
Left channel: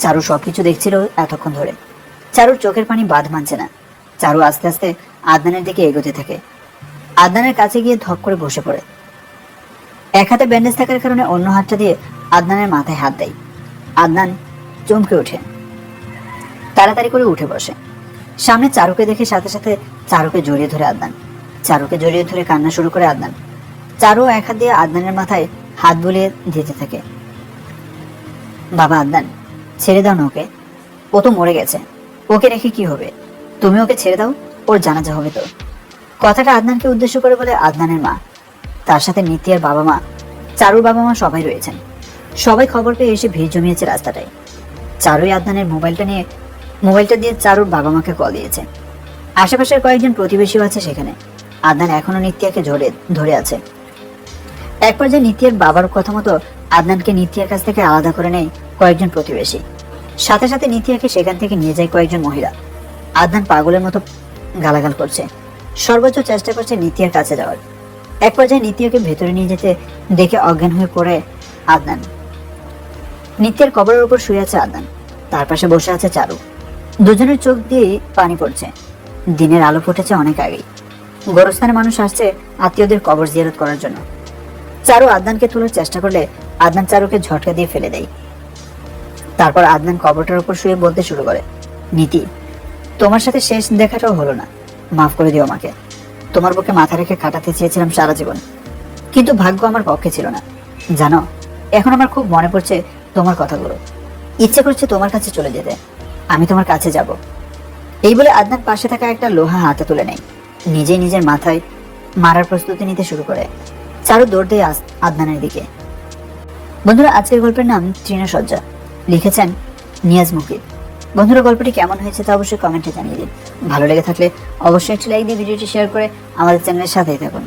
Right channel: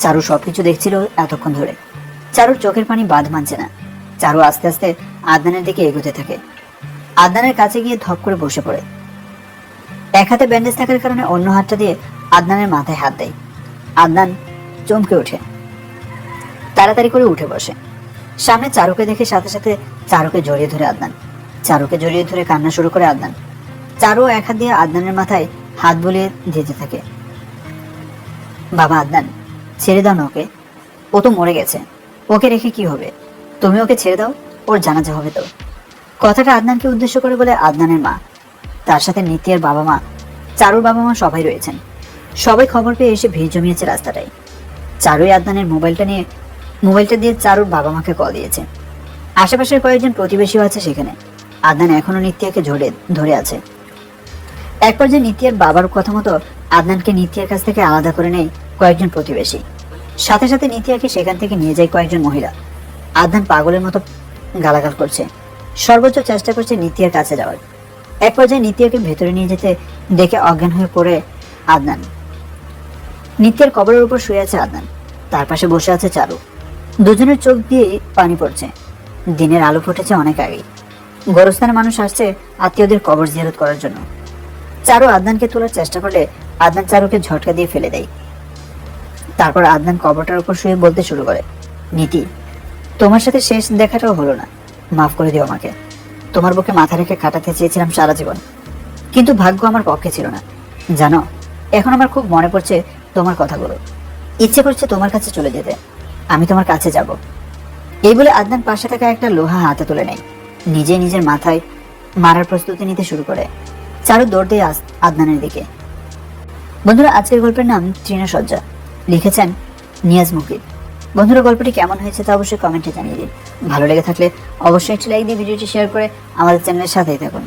চারু সবকিছু দেখছিল এতক্ষণ ধরে। চারুর চোখের পানি বাঁধ মানছে না। চারু আস্তে আস্তে আদনানের দিকে এগোতে থাকে। আদনানের কাছে গিয়ে ধপ করে বসে পড়ে। এক হাতে ব্যান্ডেজ থাকার কারণে অন্য হাতটা দিয়ে আদনানের মাথায় হাত দেয়। আদনান চমকে ওঠে, তাড়াতাড়ি করে উঠে বসে। সামনে চারুকে দেখে সাথে সাথে চারুকে জড়িয়ে ধরে আদনান। চারুকে জড়িয়ে ধরে কান্না শুরু করে আদনান। চারু এক হাত দিয়ে আদনানের মাথায় হাত বুলিয়ে দিতে থাকে। বাবা আদনান, ছেড়ে দাও না ওকে, ও তো মরে গেছে। ওকে রেখে কি হবে? তুমি ওকে ছেড়ে দাও, ওর জানাজা হবে তো। কথাটা আদনানকে উদ্দেশ্য করে বলে আদনানের মা। তার সাথে নিত্যের বাবা মা, চারুর বাবা মা সবাই রয়েছেন। সবাই খবর পেয়ে এসে ভিড় জমিয়েছে রাস্তাটায়। চারুই আদনানের মোবাইলটা দিয়ে চারুর বাবা মাকে কল দিয়েছে। আশেপাশের কয়েকজন প্রতিবেশীও আছে সেখানে। আদনান এখনো নিত্যাকে ধরে আছে। এক পর্যায়ে নিত্যের বাবার কথা মতো আদনানকে নিত্যের কাছ থেকে আলাদা করে নেয় কয়েকজন প্রতিবেশী। সাথে সাথে নিত্যাকে সেখান থেকে নিয়ে যায় কয়েকজন মহিলা। আদনান পাগলের মতো গালাগাল করছে, সর্বোচ্চ চেষ্টা করছে নিত্যের কাছে যাওয়ার। এক পর্যায়ে নিত্যকে ভেতরে নিয়ে যেতে দেখে অজ্ঞান হয়ে পড়ে আদনান। নিত্যের কবরের উপর শুয়ে আছে আদনান। তার পাশে বসে আছে চারু। দুজনের চোখ দিয়ে পানি পড়ছে। দিনের আলো ফুটেছে অনেক আগে। গোরস্থানে মানুষ আসছে আত্মীয়দের কবর জিয়ারত করার জন্য। চারু আদনানকে তোলার চেষ্টা করলে আদনান চারুকে ঝটকা দিয়ে ফেলে দেয়। তারপর আদনান কবরটার উপর শুয়ে বলতে শুরু করে, নীতি, তোমার সাথে শেষ দেখাটাও হলো না, মাফ করে দিও আমাকে। তোমার বুকে মাথা রেখে কাটাতে চেয়েছিলাম সারা জীবন, কিন্তু ভাগ্য আমার পক্ষে ছিল না। জানো, এখন আমার খুব মনে পড়ছে তোমার কথাগুলো। ইচ্ছে করছে তোমার কাছে চলে যেতে, আমি তোমার কাছে যাব। এই বলে আদনান পাশে থাকা একটা লোহা হাতে তুলে নেয়, নিজেই নিজের মাথায় মারার প্রস্তুতি নিতে শুরু করে। চারু দৌড় দেয় আদনানের দিকে। বন্ধুরা, আজকের গল্পের নাম তৃণসজ্জা, লিখেছেন নিয়াজ মুকিদ। বন্ধুরা, গল্পটি কেমন হয়েছে তা অবশ্যই কমেন্টে জানিয়ে দিন। ভালো লেগে থাকলে অবশ্যই একটি লাইক দিয়ে ভিডিওটি শেয়ার করে আমাদের চ্যানেলের সাথেই থাকুন।